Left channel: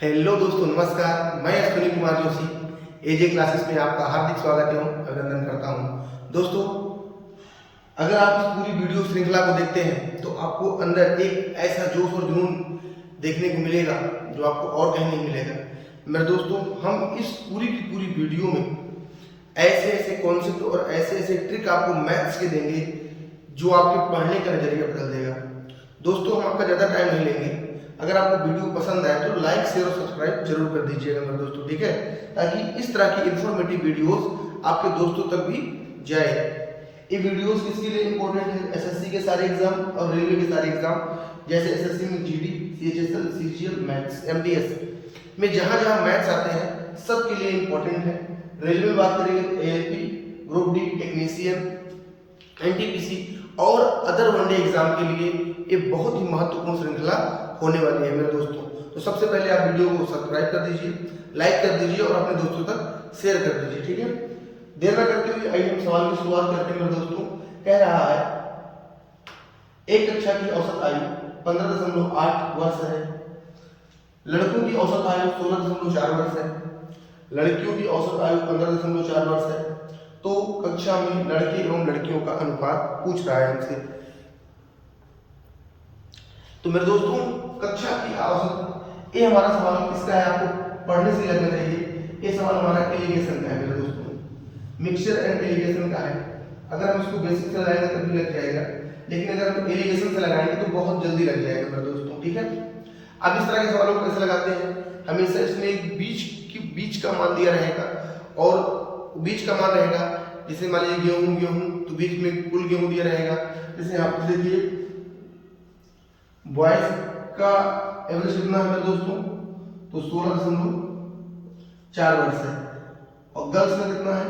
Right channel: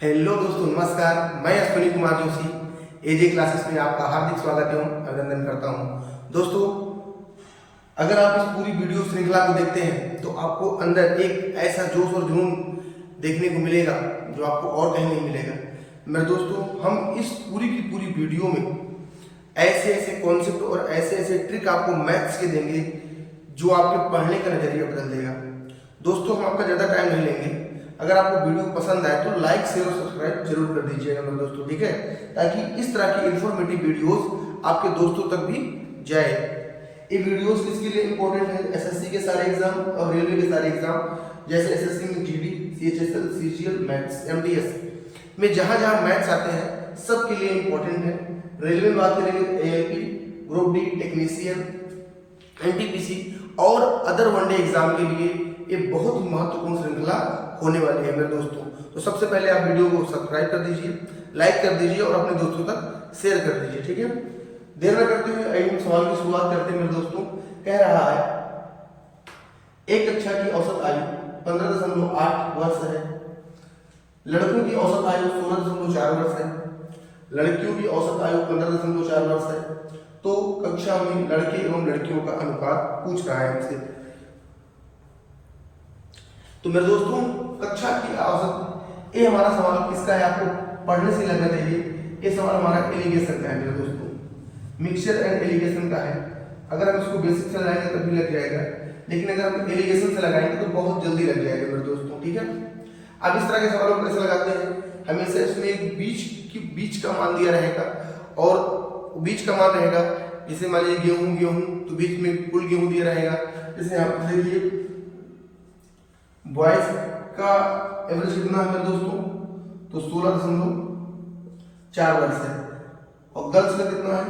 Hello दोस्तों, नमस्कार। मैं अश्विनी कुमार जोशी एजे क्लासेस में आपका हार्दिक स्वागत एवं अभिनंदन करता हूं। दोस्तों, अगर आप इस पूरी वीडियो श्रृंखला को देखते हैं तो आपको अंदर एक ऐसा जोश और जुनून देखने को मिलेगा जो आपको और कहीं नहीं मिलेगा। मेरे दोस्तों, हम इस पूरी की पूरी वीडियो में ऐसे ऐसे कॉन्सेप्ट और ऐसे ऐसे ट्रिक आपको मैथ्स के देंगे जो आपके पढ़ने का नजरिया बदल देगा। दोस्तों, हम आपका ज़्यादा टाइम नहीं लेंगे। अगर आपको वीडियो पसंद आए तो लाइक, शेयर और सब्सक्राइब जरूर कर दीजिएगा मेरे दोस्तों, ठीक है, ताकि इस तरह की इंफॉर्मेटिव वीडियोस आपके दोस्तों तक भी जाए। ये वीडियोस किसके लिए इंपॉर्टेंट है? एसएससी के सारे एग्जाम और रेलवे के सारे एग्जाम, जैसे एसएससी में GD, CHSL, CGL, maths, MTS में जहां जहां मैथ्स आते हैं सबके लिए इंपॉर्टेंट है। रेलवे में बात करेंगे ALP, group D, technician, NTPC और अदर वनडे एग्जाम के लिए ये बहुत ही महत्वपूर्ण श्रृंखला होने वाली है मेरे दोस्तों। तो सबसे पहले आप वीडियो को सब्सक्राइब कर दीजिए, लाइक कर दीजिए और अपने दोस्तों तक शेयर कर दीजिए, ठीक है। देर न करते हुए आइए हम सवाल की शुरुआत करते हैं मेरे दोस्तों। कह रहा है एक कक्षा की औसत आयु 15.8 वर्ष है, लड़कों की औसत आयु 16.4 वर्ष है, लड़कियों की औसत आयु 15.4 वर्ष है। तो कक्षा में लड़के एवं लड़कियों का अनुपात पूछ रहा है हमसे। तो मेरे दोस्तों, कक्षा की औसत, ये हमारा सवाल किसका है? आपको पढ़ने से लगना चाहिए। ये सवाल हमारा एलिगेशन का है मेरे दोस्तों, मिक्सचर एंड एलिगेशन का है। अगर हम इसको बेसिक से लगाएंगे तभी लग जाएगा, लेकिन अगर हम एलिगेशन से लगाएंगे तो बहुत जल्दी लग जाएगा मेरे दोस्तों, ठीक है। अब इस तरह के सवालों को कैसे लगाते हैं? हमेशा इसमें एक बीच का मान दिया रहेगा और बीच का मान रहेगा। जैसे मान लीजिए गेहूं तो बीच में कुल गेहूं दिया रहेगा। जैसे यहाँ पर देखिए बॉयज का एवरेज कितना है मेरे दोस्तों? तो 16.4 वर्ष है। और गर्ल्स का कितना है?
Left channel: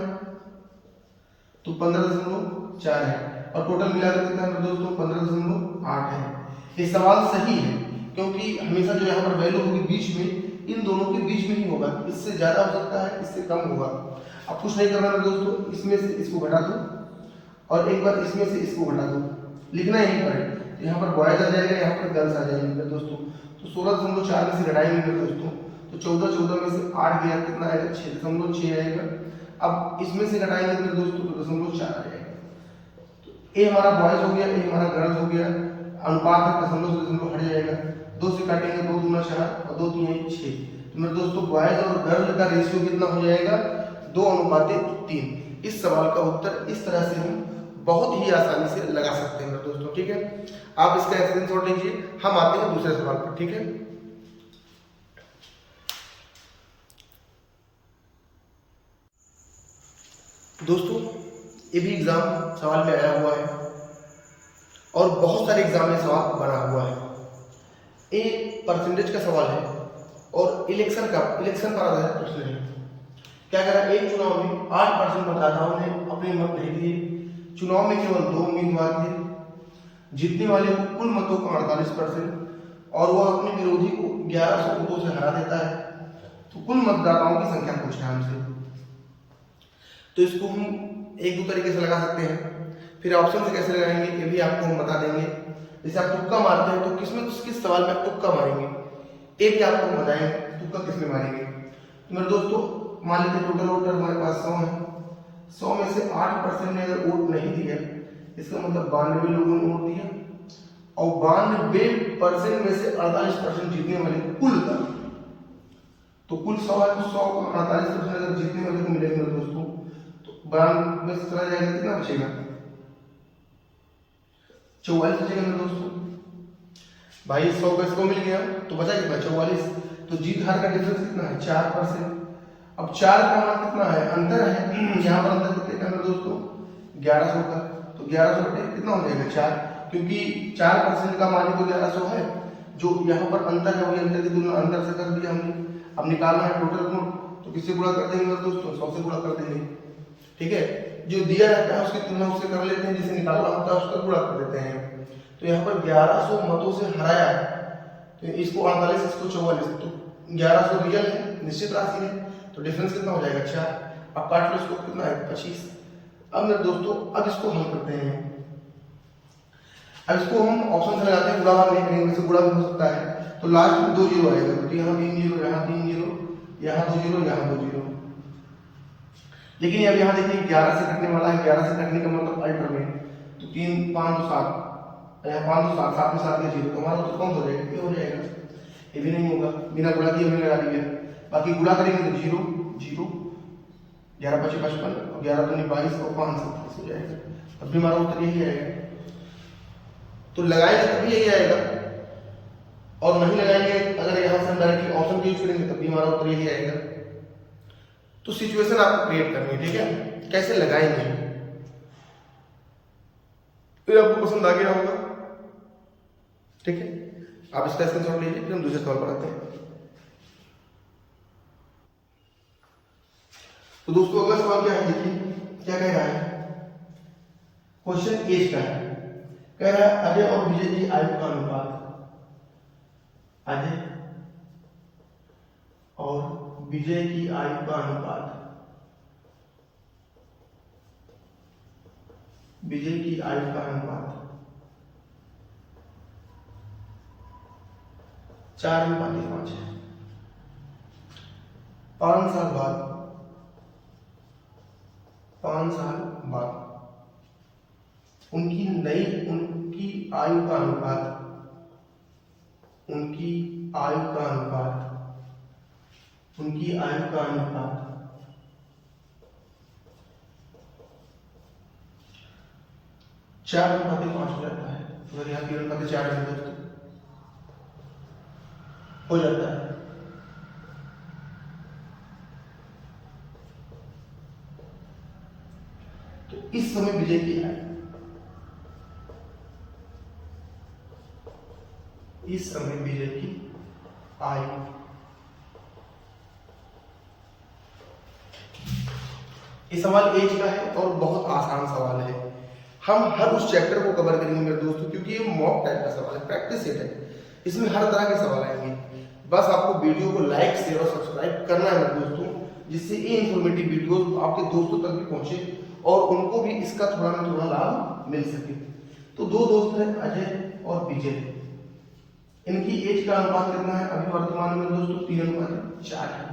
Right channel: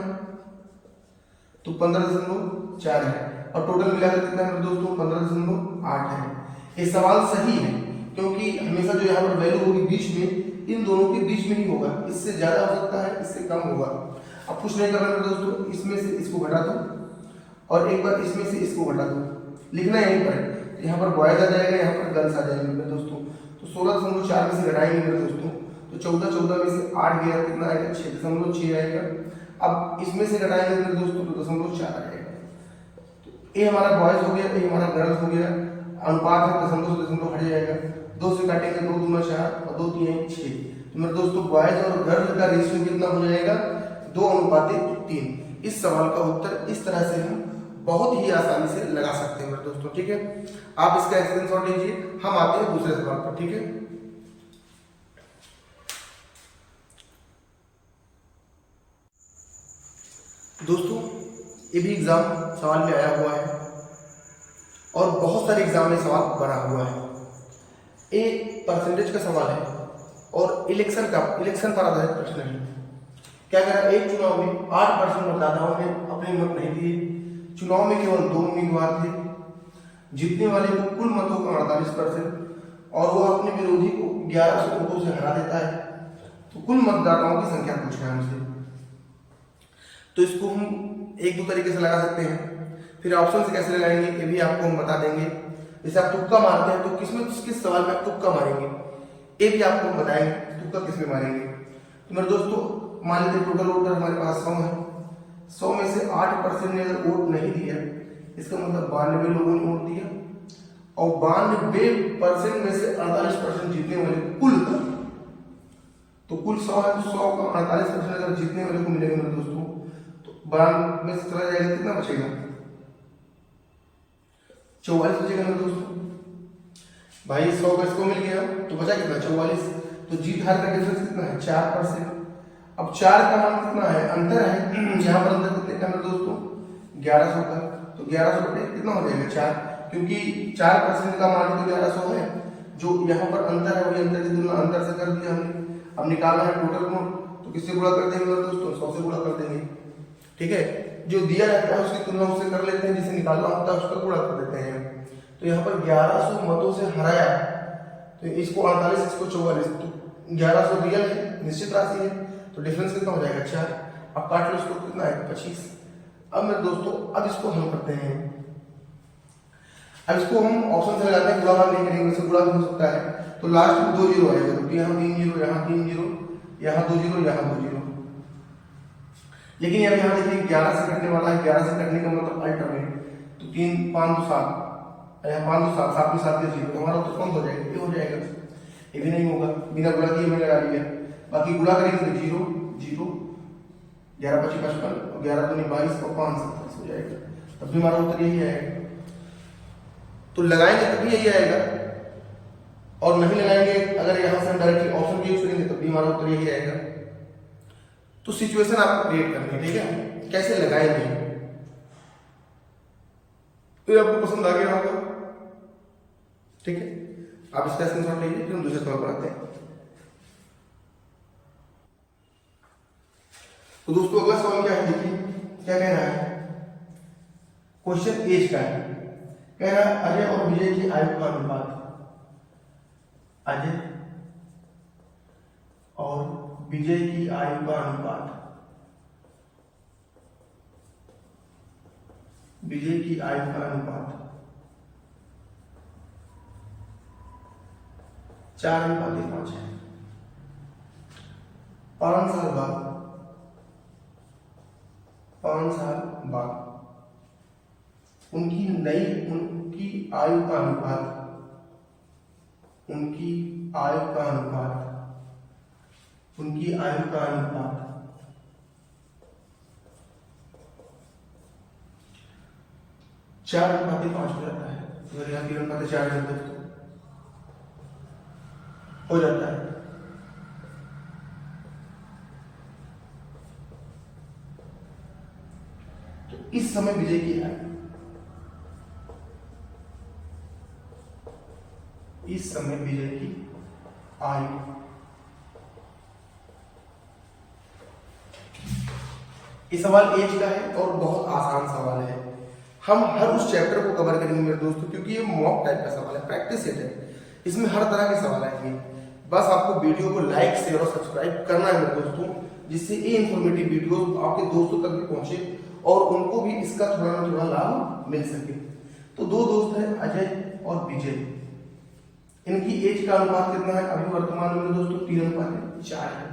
तो 15.4 है। और टोटल मिलाकर कितना है मेरे दोस्तों? 15.8 है। ये सवाल सही है क्योंकि हमेशा जो यहाँ पर वैल्यू होगी बीच में, इन दोनों के बीच में ही होगा। इससे ज्यादा हो सकता है, इससे कम होगा। अब कुछ नहीं करना मेरे दोस्तों, इसमें से इसको घटा दो और एक बार इसमें से इसको घटा दो। लिखना यहीं पर है। यहाँ पर बॉयज आ जाएगा, यहाँ पर गर्ल्स आ जाएंगे मेरे दोस्तों। तो 16.4 में से घटाएंगे मेरे दोस्तों तो 14 में से 8 गया, कितना आएगा? 6.6 आएगा। अब इसमें से घटाएंगे मेरे दोस्तों तो 0.4 आ जाएगा। तो ये हमारा बॉयज हो गया, ये हमारा गर्ल्स हो गया। अनुपात है, दशमलव से दशमलव हट जाएगा। 2 से काटेंगे 2 दूना 4 और 2 3 6। तो मेरे दोस्तों बॉयज और गर्ल का रेशियो कितना हो जाएगा? 2:3। इस सवाल का उत्तर इस तरह से हम बहुत ही आसानी से लगा सकते हैं मेरे दोस्तों, ठीक है। आप इसका स्क्रीनशॉट लीजिए। हम आते हैं दूसरे सवाल पर, ठीक है। दोस्तों, ये भी एग्जाम सवाल में आया हुआ है और बहुत सारे एग्जाम में सवाल बना हुआ है। ये परसेंटेज का सवाल है और इलेक्शन पर आधारित प्रश्न है। क्या करा? एक चुनाव में 8% मतदाताओं ने अपने मत नहीं दिए। चुनाव में केवल 2 उम्मीदवार थे। जीतने वाले को कुल मतों का 48% और वो अपने विरोधी को 1100 वोटों से हरा देता है। तो कुल मतदाताओं की संख्या पूछ रहा है हमसे। तो इसको हम 1-2 तरीके से लगा सकते हैं। फिर ऑप्शन से कैसे लगाएंगे ये भी आपको हम बता देंगे। जैसे आप तुक्का मारते हैं तो किस सवाल में आप तुक्का मारेंगे ये भी आपको हम बताएंगे, तुक्का किसमें मारेंगे। तो मेरे दोस्तों, मान लीजिए टोटल वोटर हमारे पास 100 है। 100 में से 8% ने अगर वोट नहीं दिया, इसका मतलब 92 लोगों ने वोट दिया और 92% में से 48% जीतने वाले कुल का। तो कुल 100 है तो 100 का 48% अगर जीतने वाले को मिलेगा मेरे दोस्तों तो 92 में से चला जाएगा, कितना बचेगा? 44 बचेगा मेरे दोस्तों। भाई 100 का इसको मिल गया तो बचा कितना? 44। तो जीत हार का डिफरेंस कितना है? 4%। अब 4 का मान कितना है? अंतर है। यहाँ पर अंतर कितने का मेरे दोस्तों? 1100 का। तो 1100 बटे कितना हो जाएगा? 4, क्योंकि 4% का मान तो 1100 है। जो यहाँ पर अंतर है वही अंतर की तुलना अंतर से कर दिया हमने। अब निकालना है टोटल गुण, तो किससे गुणा कर देंगे मेरे दोस्तों? 100 से गुणा कर देंगे, ठीक है। जो दिया रहता है उसकी तुलना उससे कर लेते हैं, जिसे निकालना होता है उसका गुणा कर देते हैं। तो यहाँ पर 1100 मतों से हराया तो इसको 48, इसको 44। तो 1100 रियल है, निश्चित राशि है, तो डिफरेंस कितना हो जाएगा? 4। अब काट लो इसको, कितना है? 25। अब मेरे दोस्तों, अब इसको हल करते हैं। अब इसको हम ऑप्शन से लगाते हैं, गुणा भाग नहीं करेंगे, इससे गुणा भी हो सकता है। तो लास्ट में 2 जीरो आएगा, तो यहाँ 3 जीरो, यहाँ 3 जीरो, यहाँ 2 जीरो, यहाँ 2 जीरो। लेकिन अब यहाँ देखिए 11 से कटने वाला है, 11 से कटने का मतलब अल्टरनेट, तो 3 5 2 7, यहाँ 5 2 7, 7 में 7 का जीरो, तो हमारा उत्तर कौन हो जाएगा? ये हो जाएगा। ये भी नहीं होगा, बिना गुणा किए हमने लगा दिया। बाकी गुणा करेंगे तो 0 0, 11 5 55, 11 दूनी 22 और 5 27 हो जाएगा। तब भी हमारा उत्तर यही आएगा। तो लगाएंगे तभी यही आएगा, और नहीं लगाएंगे अगर यहाँ से हम डायरेक्टली ऑप्शन को यूज करेंगे तब भी हमारा उत्तर यही आएगा। तो सिचुएशन आपको क्रिएट करनी है, ठीक है, कैसे लगाएंगे। तो आपको पसंद आ गया होगा, ठीक है, आप इसका स्क्रीनशॉट लीजिए, फिर हम दूसरे सवाल पर आते हैं। तो दोस्तों अगला सवाल क्या है, देखिए क्या कह रहा है। क्वेश्चन एज का है, कह रहा है अजय और विजय की आयु का अनुपात। अजय और विजय की आयु का अनुपात, विजय की आयु का अनुपात 4:5 है। 5 साल बाद, 5 साल बाद उनकी आयु का अनुपात, उनकी आयु का अनुपात, उनकी आयु का अनुपात 4:5 हो जाता है। अगर यहाँ 3:4 है दोस्तों हो जाता है। तो इस समय विजय की आयु, इस समय विजय की आयु, ये सवाल एज का है और बहुत आसान सवाल है। हम हर उस चैप्टर को कवर करेंगे मेरे दोस्तों, क्योंकि ये मॉक टाइप का सवाल है, प्रैक्टिस सेट है, इसमें हर तरह के सवाल आएंगे। बस आपको वीडियो को लाइक शेयर और सब्सक्राइब करना है मेरे दोस्तों, जिससे ये इंफॉर्मेटिव वीडियो आपके दोस्तों तक भी पहुंचे और उनको भी इसका थोड़ा ना थोड़ा लाभ मिल सके। तो 2 दोस्त हैं अजय और विजय, इनकी एज का अनुपात कितना है अभी वर्तमान में दोस्तों? 3:4 है।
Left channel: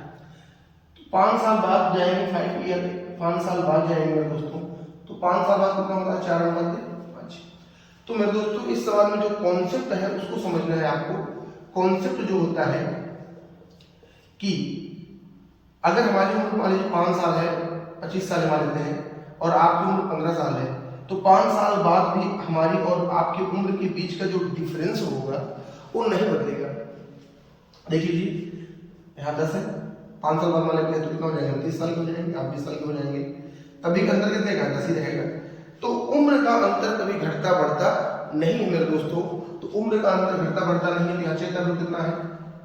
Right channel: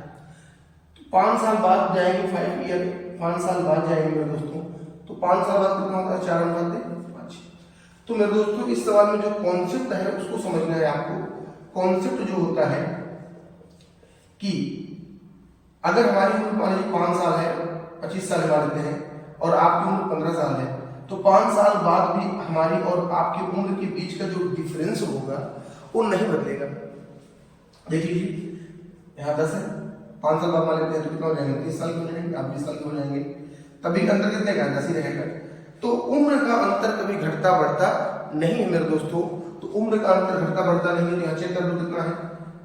तो 5 साल बाद जाएंगे, 5 ईयर, 5 साल बाद जाएंगे मेरे दोस्तों, तो 5 साल बाद कितना होता है? 4:5। तो मेरे दोस्तों इस सवाल में जो कॉन्सेप्ट है उसको समझना है आपको। कॉन्सेप्ट जो होता है कि अगर हमारी उम्र मान लीजिए 5 साल है, 25 साल मान लेते हैं, और आपकी उम्र 15 साल है, तो 5 साल बाद भी हमारी और आपकी उम्र के बीच का जो डिफरेंस होगा वो नहीं बदलेगा। देख लीजिए यहाँ 10 है, 5 साल बाद मान लेते हैं तो कितना हो जाएगा? 30 साल के हो जाएंगे, आप 20 साल के हो जाएंगे, तभी का अंतर कितने का? 10 ही रहेगा। तो उम्र का अंतर कभी घटता बढ़ता नहीं है मेरे दोस्तों। तो उम्र का अंतर घटता बढ़ता नहीं है, तो यहाँ चेक कर लो कितना है,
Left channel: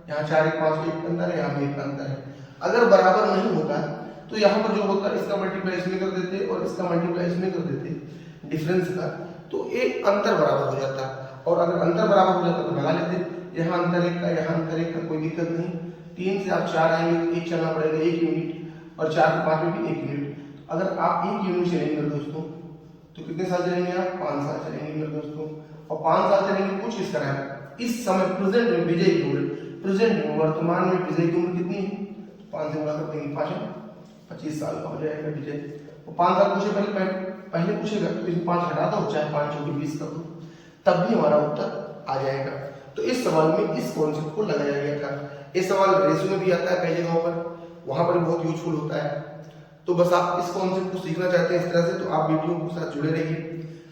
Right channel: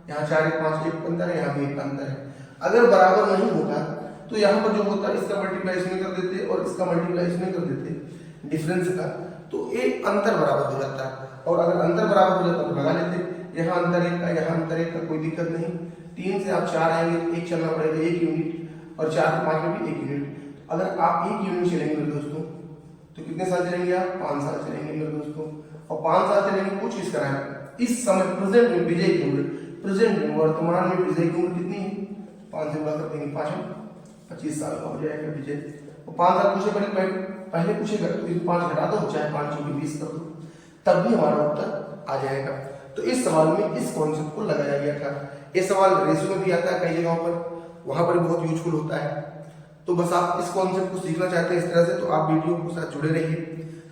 यहाँ 4 1 5 1 अंतर है, यहाँ भी 1 अंतर है। अगर बराबर नहीं होता तो यहाँ पर जो होता है इसका मल्टीप्लाई इसमें कर देते और इसका मल्टीप्लाई इसमें कर देते डिफरेंस का, तो एक अंतर बराबर हो जाता है। और अगर अंतर बराबर हो जाता तो लगा लेते, यहाँ अंतर 1 का, यहाँ अंतर 1 का, कोई दिक्कत नहीं। 3 से आप 4 आएंगे, 1 चलना पड़ेगा, 1 यूनिट, और 4 से 5 में भी 1 यूनिट। अगर आप 1 यूनिट चलेंगे मेरे दोस्तों तो कितने साल चलेंगे आप? 5 साल चलेंगे मेरे दोस्तों। और 5 साल चलेंगे, कुछ इस तरह इस समय प्रेजेंट में विजय की उम्र, प्रेजेंट में वर्तमान में विजय की उम्र कितनी है? 5 से गुणा कर देंगे, 5 25 साल का हो जाएगा विजय। और 5 साल पूछे पहले पूछेगा तो इसमें 5 घटा दो, चाहे 5 × 20 कर दो, तब भी हमारा उत्तर आ जाएगा। तो इस सवाल में इस कॉन्सेप्ट को लगाया गया था। ये सवाल रेशो में भी आता है कई जगहों पर, वहां पर भी बहुत यूजफुल होता है। तो बस आप इस कॉन्सेप्ट को सीखना चाहते हैं इस तरह से, तो आप वीडियो के साथ जुड़े रहिए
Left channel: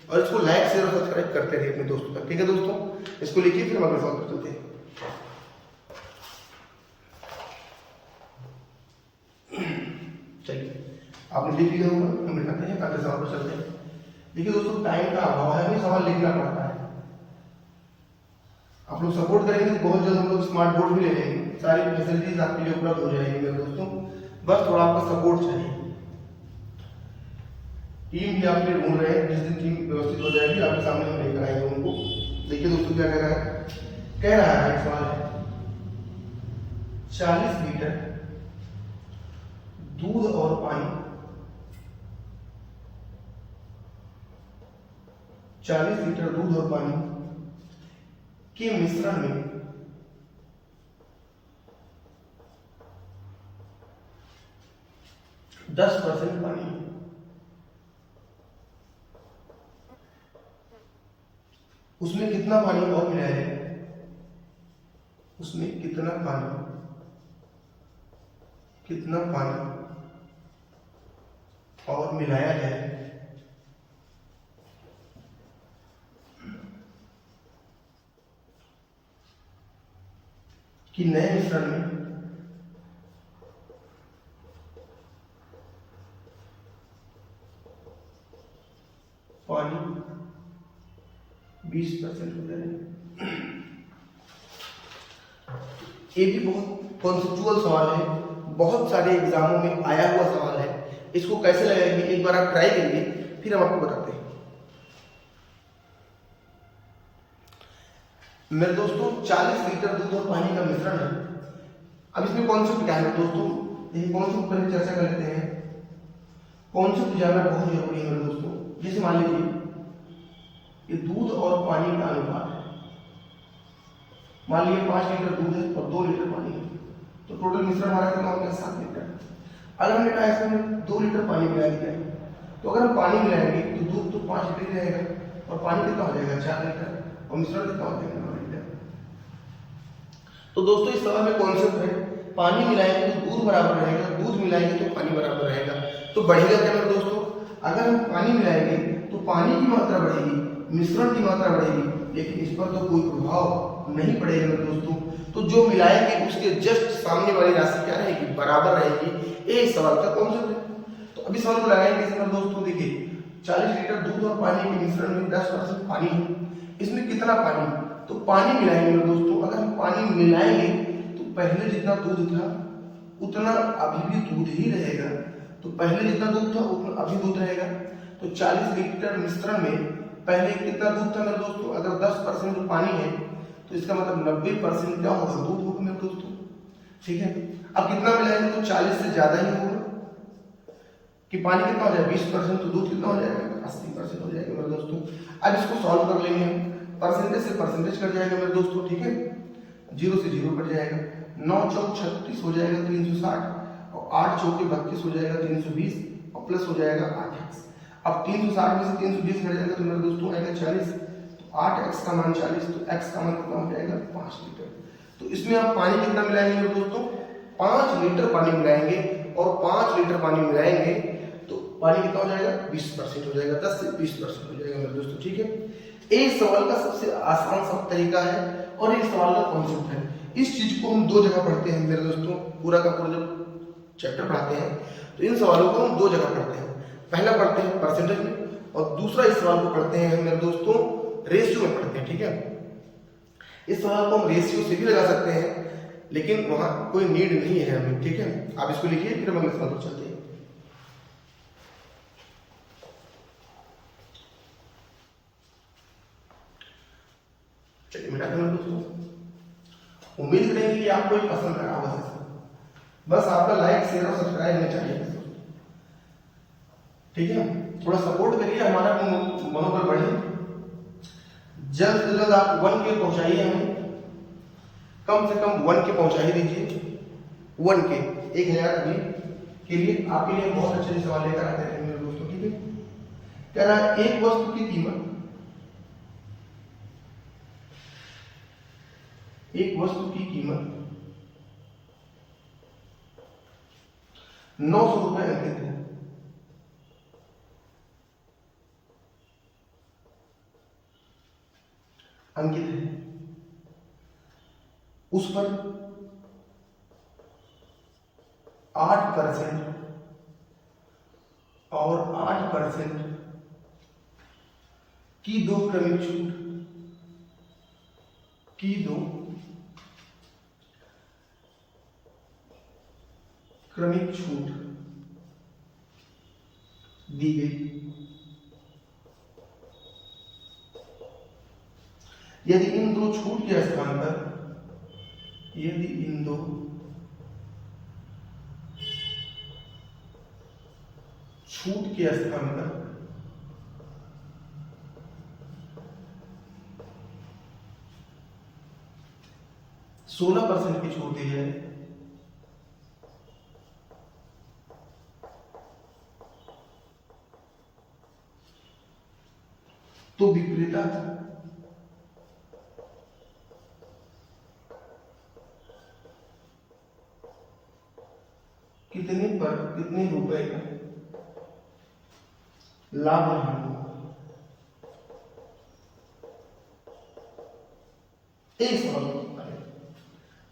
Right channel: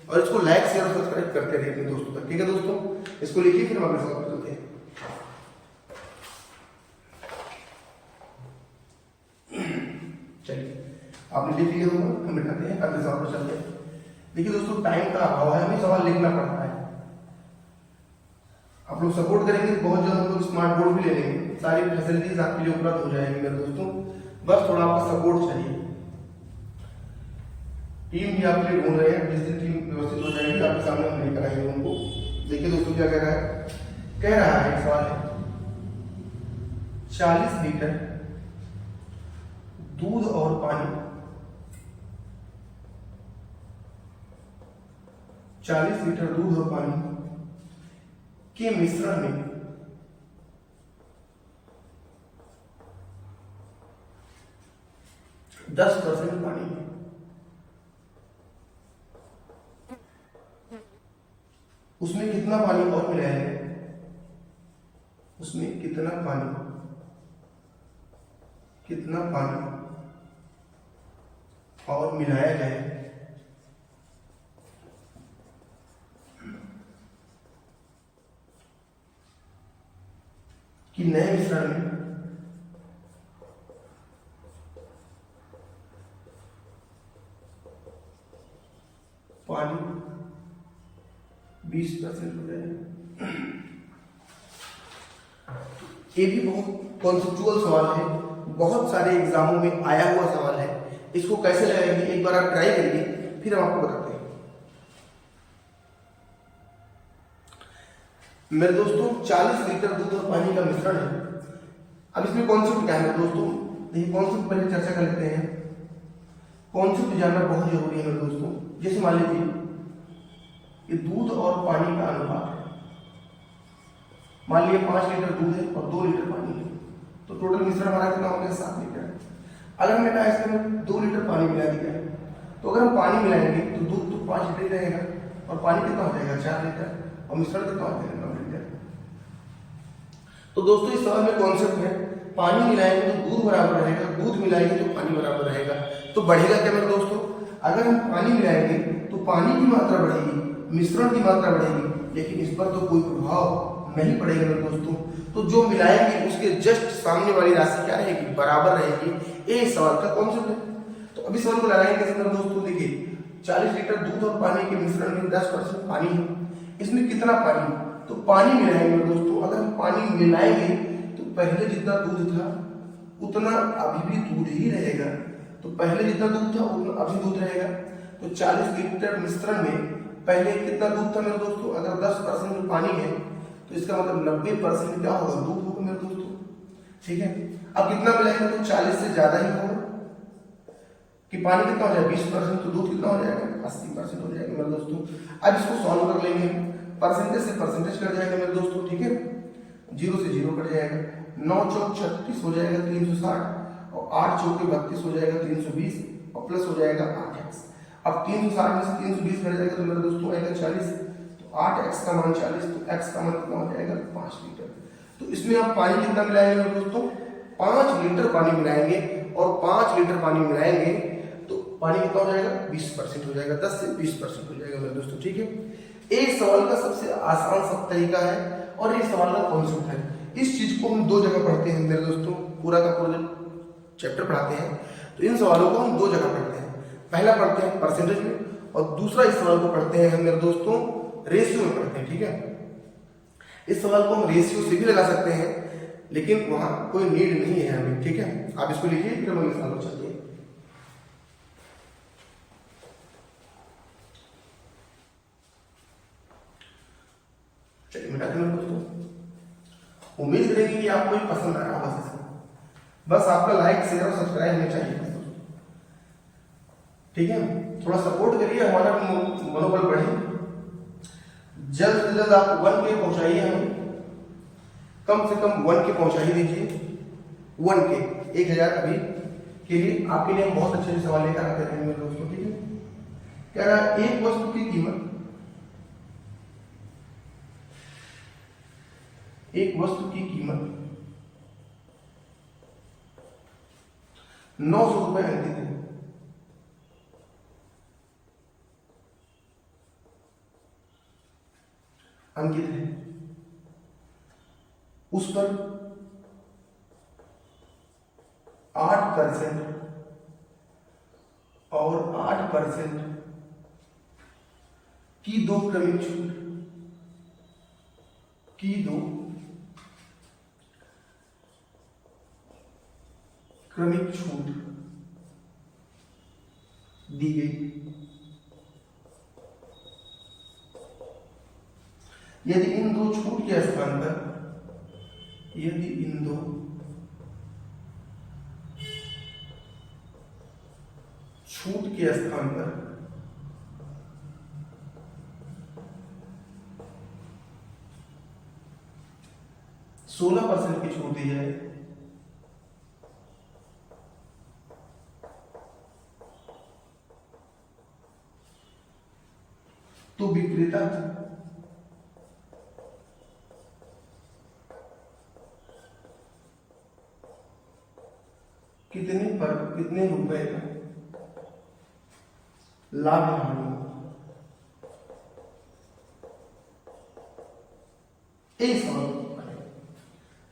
और इसको लाइक शेयर और सब्सक्राइब करते रहिए अपने दोस्तों तक, ठीक है दोस्तों? इसको लिखिए, फिर हम अगले सवाल पर चलते हैं। चलिए आपने देख लिया होगा, हम बिठाते हैं, अगले सवाल पर चलते हैं। देखिए दोस्तों टाइम का अभाव है, हमें सवाल लिखना पड़ता है। आप लोग सपोर्ट करेंगे तो बहुत जल्द हम लोग स्मार्ट बोर्ड भी ले लेंगे, सारी फैसिलिटीज आपके लिए उपलब्ध हो जाएगी मेरे दोस्तों, बस थोड़ा आपका सपोर्ट चाहिए। टीम भी आपके लिए ढूंढ रहे हैं, जिस दिन टीम व्यवस्थित हो जाएगी आपके सामने हम लेकर आएंगे उनको। देखिए दोस्तों क्या कह रहा है, कह रहा है सवाल है 40 लीटर दूध और पानी, 40 लीटर दूध और पानी के मिश्रण में 10% पानी है। उसमें कितना पानी और मिलाया है, उसमें कितना पानी और मिलाया है कि नए मिश्रण में पानी 20% हो जाए। ये भी बहुत कॉन्सेप्चुअल सवाल है, बहुत सारे एग्जामों में आया हुआ सवाल है। इसको कैसे लगाएंगे एक बार आप ट्राई करिए, फिर हम आपको बताते हैं। मेरे दोस्तों 40 लीटर दूध और पानी का मिश्रण है। अब इसमें कॉन्सेप्ट क्या है दोस्तों, देखिए कॉन्सेप्ट पहले चर्चा कर लेते हैं। कॉन्सेप्ट जानना बहुत जरूरी है मेरे दोस्तों। जैसे मान लीजिए ये दूध और पानी का अनुपात है। मान लीजिए 5 लीटर दूध है और 2 लीटर पानी है, तो टोटल मिश्रण हमारा कितना हो गया 7 लीटर। अगर हमने कहा इसमें 2 लीटर पानी मिला दिया है, तो अगर हम पानी मिलाएंगे तो दूध तो 5 लीटर ही रहेगा और पानी कितना हो जाएगा 4 लीटर और मिश्रण कितना हो जाएगा 9 लीटर। तो दोस्तों इस सवाल में कॉन्सेप्ट है, पानी मिलाएंगे तो दूध बराबर रहेगा, दूध मिलाएंगे तो पानी बराबर रहेगा। तो बढ़ेगा क्या मेरे दोस्तों, अगर हम पानी मिलाएंगे तो पानी की मात्रा बढ़ेगी, मिश्रण की मात्रा बढ़ेगी, लेकिन इस पर तो कोई प्रभाव नहीं पड़ेगा मेरे दोस्तों। तो जो मिलाएंगे उसके जस्ट सामने वाली राशि क्या रहेगी, बराबर रहेगी। ये इस सवाल का कॉन्सेप्ट है। तो अभी सवाल को लगाएंगे कैसे मेरे दोस्तों, देखिए 40 लीटर दूध और पानी के मिश्रण में 10% पानी है। इसमें कितना पानी, तो पानी मिलाएंगे मेरे दोस्तों। अगर हम पानी मिलाएंगे तो पहले जितना दूध था उतना अभी भी दूध ही रहेगा। तो पहले जितना दूध था उतना अभी दूध रहेगा। तो 40 लीटर मिश्रण में पहले कितना दूध था मेरे दोस्तों, अगर 10% पानी है तो इसका मतलब 90% क्या होगा, दूध होगा मेरे दोस्तों। ठीक है, अब कितना मिलाएंगे तो 40 से ज्यादा ही होगा कि पानी कितना हो जाएगा 20%, तो दूध कितना हो जाएगा 80% हो जाएगा मेरे दोस्तों। अब इसको सॉल्व कर लेंगे हम, परसेंटेज से परसेंटेज कट जाएगा मेरे दोस्तों। ठीक है, 0 से 0 कट जाएगा, 9 चौक 36 हो जाएगा 360 और 8 चौके 32 हो जाएगा 320 और प्लस हो जाएगा 8x। अब 360 में से 320 कट जाएगा तो मेरे दोस्तों आएगा 40। तो 8x का मान 40, तो x का मान कितना हो जाएगा 5 लीटर। तो इसमें आप पानी कितना मिलाएंगे मेरे दोस्तों, 5 लीटर पानी मिलाएंगे और 5 लीटर पानी मिलाएंगे तो पानी कितना हो जाएगा 20% हो जाएगा, 10 से 20% हो जाएगा मेरे दोस्तों। ठीक है, इस सवाल का सबसे आसान सा तरीका है और इस सवाल का कॉन्सेप्ट है। इस चीज को हम 2 जगह पढ़ते हैं मेरे दोस्तों, पूरा का पूरा जब चैप्टर पढ़ाते हैं तो इन सवालों को हम 2 जगह पढ़ते हैं। पहला पढ़ते हैं परसेंटेज में और दूसरा इस सवाल को पढ़ते हैं हम मेरे दोस्तों रेशियो में पढ़ते हैं। ठीक है, इस सवाल को हम रेशियो से भी लगा सकते हैं लेकिन वहां कोई नीड नहीं है हमें। ठीक है, आप इसको लिखिए फिर हम इसमें चलते हैं। चलिए मेरा दोस्तों, उम्मीद करेंगे कि आपको ये पसंद आया होगा। बस आपका लाइक शेयर और सब्सक्राइब होना चाहिए दोस्तों। ठीक है, थोड़ा सपोर्ट करिए, हमारा मनोबल बढ़े। जल्द से जल्द आप 1K पहुंचाइए हमें, कम से कम 1K पहुंचा ही दीजिए। 1K 1000 अभी के लिए आपके लिए बहुत अच्छे सवाल लेकर आते रहेंगे मेरे दोस्तों। ठीक है, कह रहा है एक वस्तु की कीमत, एक वस्तु की कीमत 900 रुपए अंकित है। अंकित है, उस पर 8% और 8% की 2 क्रमिक छूट, की 2 क्रमिक छूट दी गई। यदि इन 2 छूट के स्थान पर, यदि इन 2 छूट के स्थान पर 16% की छूट दी जाए तो विक्रेता कितने रुपए का लाभ या हानि होगा, एक सवाल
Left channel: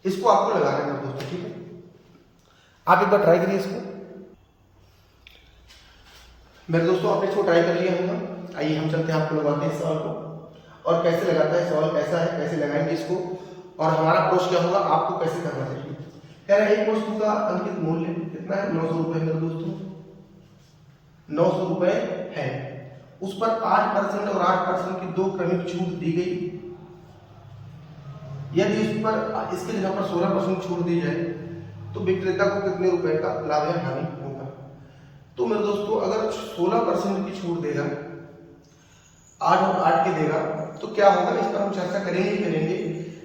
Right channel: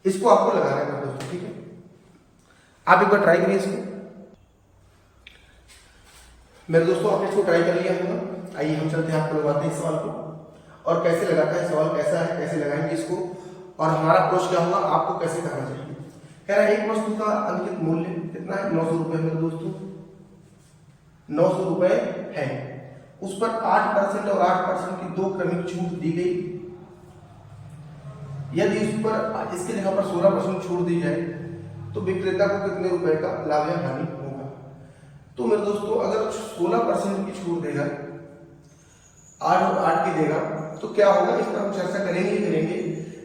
इसको आपको लगाना है दोस्तों, ठीक है। आप एक बार ट्राई करिए इसको। मेरे दोस्तों आपने इसको ट्राई कर लिया होगा। आइए हम चलते हैं, आपको लगाते हैं इस सवाल को, और कैसे लगाता है सवाल, कैसा है, कैसे लगाएंगे इसको, और हमारा अप्रोच क्या होगा, आपको कैसे करना चाहिए। कह रहा है एक वस्तु का अंकित मूल्य कितना है, 900 रुपए मेरे दोस्तों, 900 रुपए है। उस पर 8% और 8% की 2 क्रमिक छूट दी गई। यदि उस पर इसके जगह पर 16% छूट दी जाए तो विक्रेता को कितने रुपए का लाभ या हानि होगा। तो मेरे दोस्तों अगर 16% की छूट देगा, 8 और 8 की देगा, तो क्या होगा, इस पर हम चर्चा करेंगे ही करेंगे।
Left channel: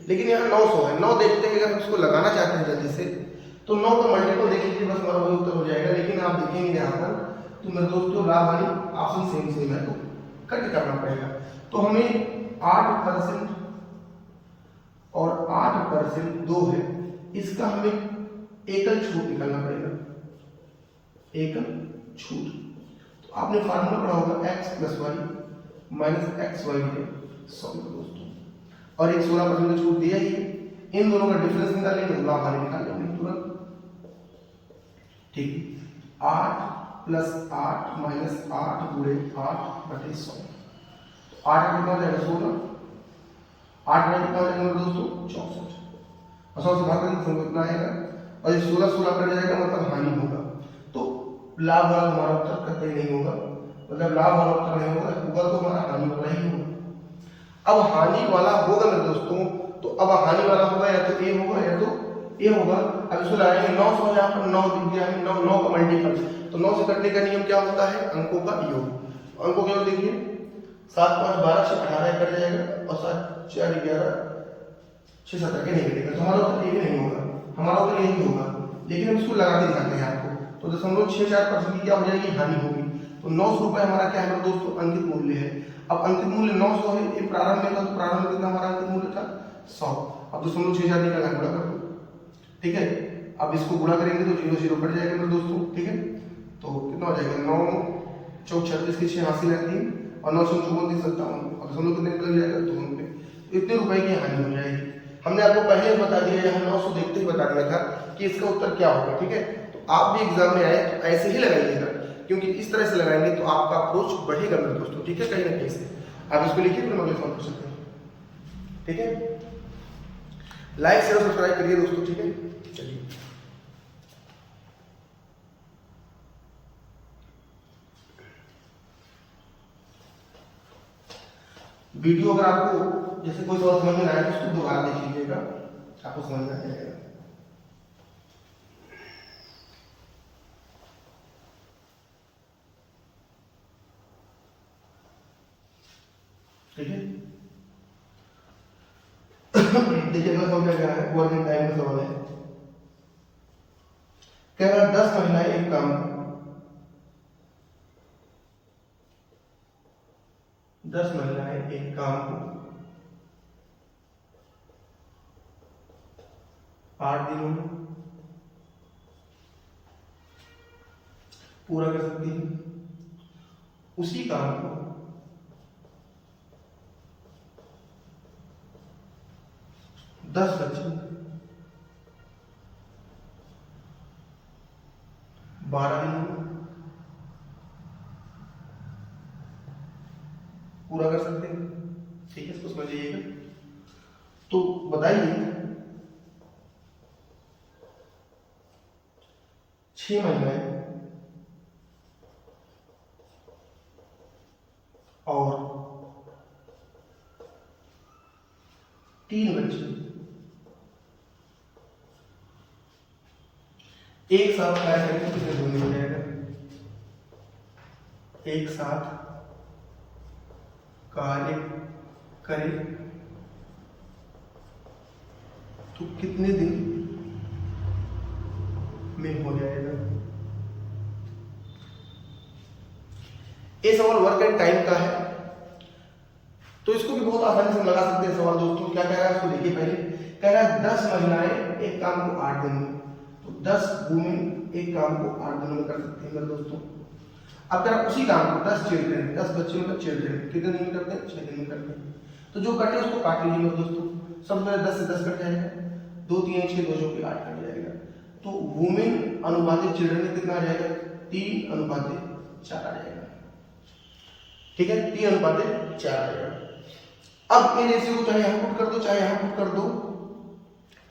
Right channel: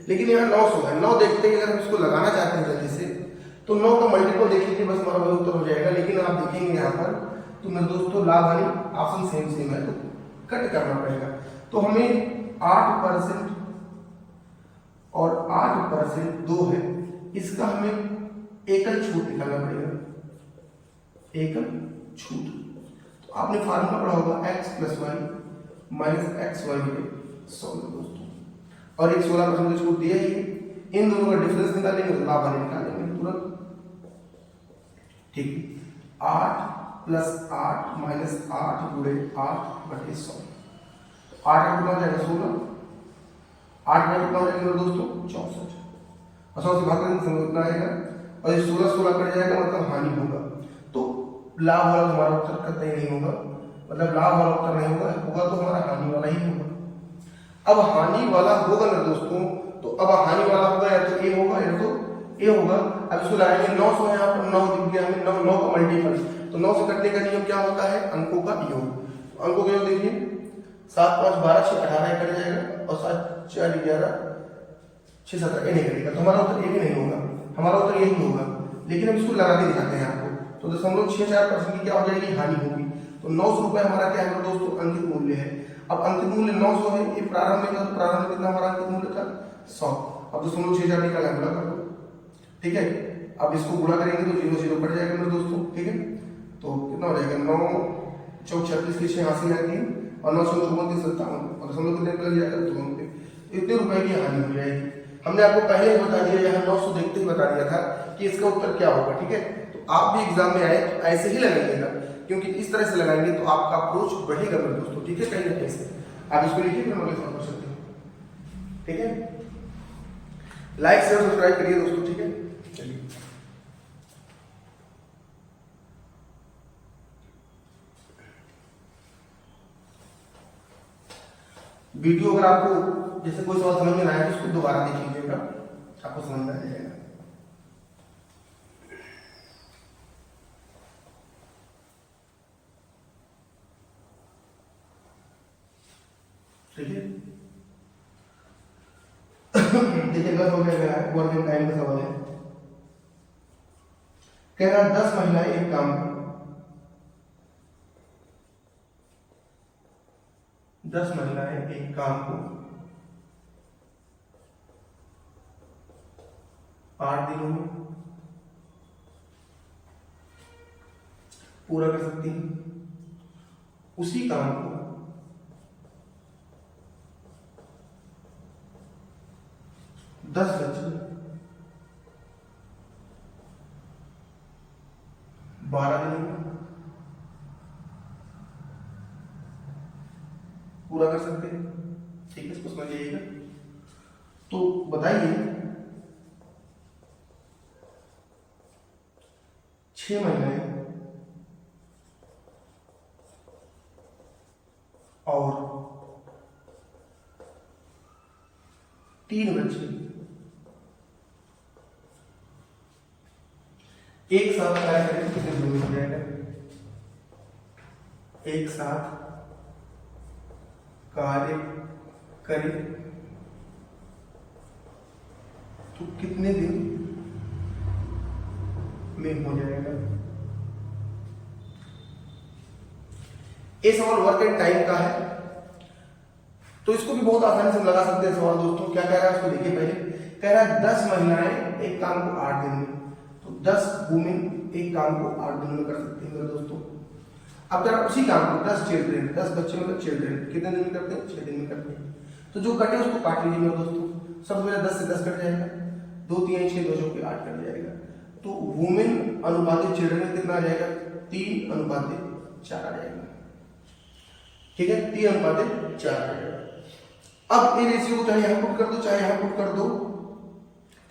लेकिन यहाँ 900 है, 9 देखते हैं, अगर हम इसको लगाना चाहते हैं जल्दी से, तो 9 का मल्टीपल देख लीजिए, बस हमारा वही उत्तर हो जाएगा। लेकिन आप देखेंगे यहाँ पर, तो मेरे दोस्तों लाभ हानि ऑप्शन सेम है, तो कट करना पड़ेगा। तो हमें 8% और 8% 2 है, इसका हमें एकल छूट निकालना पड़ेगा, एकल छूट। तो आपने फार्मूला पढ़ा होगा x + y - xy बटे 100 दोस्तों, और एक 16% का छूट दिया ही। इन दोनों का डिफरेंस निकालेंगे तो लाभ हानि निकालेंगे तुरंत, ठीक। 8 + 8 - 8 गुणे 8 बटे 100, 8 कितना हो जाएगा 16, 8 में कितना हो जाएगा मेरे दोस्तों 64, और 100 से भाग करके कितना आएगा, और ये 16 कट जाएगा, मतलब हानि होगा। तो लाभ वाला हमारा उत्तर कतई नहीं होगा, मतलब लाभ वाला उत्तर नहीं होगा तो हमारा हानि वाला ही होगा। अब हानि वाला होगा मेरे दोस्तों, तो अब हानि वाला होगा या तो ए होगा या तो ए होगा। अब इसको लगाएंगे, 900 है, यहाँ पर 9 दिख गया हमें, 9 का मल्टीपल, तो 9 से कटने का नियम क्या होता है, अंकों का योग। अंकों का योग देखिए, 7 5 12 6 18 कट जाएगा, और 7 4 11 6 17 नहीं कटेगा, तो हमारा उत्तर ये नहीं होगा, हमारा उत्तर यही होगा। लेकिन हम इसको लगा के दिखाते हैं आपको, तो 0.64% की क्या हो जाएगी, हानि होगी। तो 900 रुपए हमारा क्या है मेरे दोस्तों, अंकित मूल्य है। अब अंकित मूल्य 900 है, ये प्रारंभ में था, तो प्रारंभ में कितना हमारा अंकित मूल्य था 100। अब 0.64 निकाला, गुणा कर दो, ठीक है। अब इसको गुणा करेंगे तो 0 0 कट जाएगा मेरे दोस्तों, ठीक है। तो कितना हो जाएगा, 9 चौक 36 86 3 और 9 चौक 54 57, और दशमलव कितने लग जाएगा 2 रुपए। इतने रुपए की हानि हो जाएगी। हमने आपको पहले ही बता दिया, यहाँ 900 देखते ही बता दिया था कि इसका उत्तर क्या होगा, ठीक है। तो आप भी एग्जाम में आए तो ऐसे ही लगाइएगा, क्योंकि इस तरह से लगाएंगे तो आपका अप्रोच बढ़ेगा मेरे दोस्तों, ठीक है। कहीं ना कहीं से आप इसको लिखिए, फिर हम अगले सवाल कर सकते हैं, ठीक है। लाइक शेयर सब्सक्राइब करिए दोस्तों, ठीक है। चलिए वीडियो अगर आपको जैसे कोई सवाल समझ में आया तो उसको दोबारा देख लीजिएगा, आपको समझ में आ जाएगा, ठीक है। देखिए अगला सवाल क्या कह रहा है, वर्किंग टाइम का सवाल है। कह रहा है 10 महिलाएं एक काम को 10 महिलाएं एक काम को 8 दिनों में पूरा कर सकती हैं। उसी काम को 10 बच्चे 12 दिनों में पूरा कर सकते हैं, ठीक है। इसको समझ लीजिएगा। तो बताइए 6 महिलाएं और 3 बच्चे एक साथ कार्य करें तो कितने दिन में हो जाएगा, एक साथ कार्य करें तो कितने दिन में हो जाएगा। ये सवाल वर्क एंड टाइम का है। तो इसको भी बहुत आसानी से हम लगा सकते हैं सवाल दोस्तों। क्या कह रहा है उसको देखिए पहले। कह रहा है 10 महिलाएं एक काम को 8 दिन में, तो 10 वुमेन एक काम को 8 दिनों में कर सकती हैं मेरे दोस्तों। अब अगर आप उसी काम को 10 चिल्ड्रेन, 10 बच्चे मतलब चिल्ड्रेन कितने दिन में करते हैं? 6 दिन में करते हैं। तो जो कटे उसको काट लीजिए मेरे दोस्तों। सबसे पहले 10 से 10 कट जाएगा, 2 3 6 2 के 8 कट जाएगा। तो वुमेन अनुपातिक चिल्ड्रन कितना आ जाएगा? 3:4 आ जाएगा। ठीक है, 3:4 आ जाएगा। अब इन रेशियो को चाहे यहां पुट कर दो चाहे यहां पुट कर दो,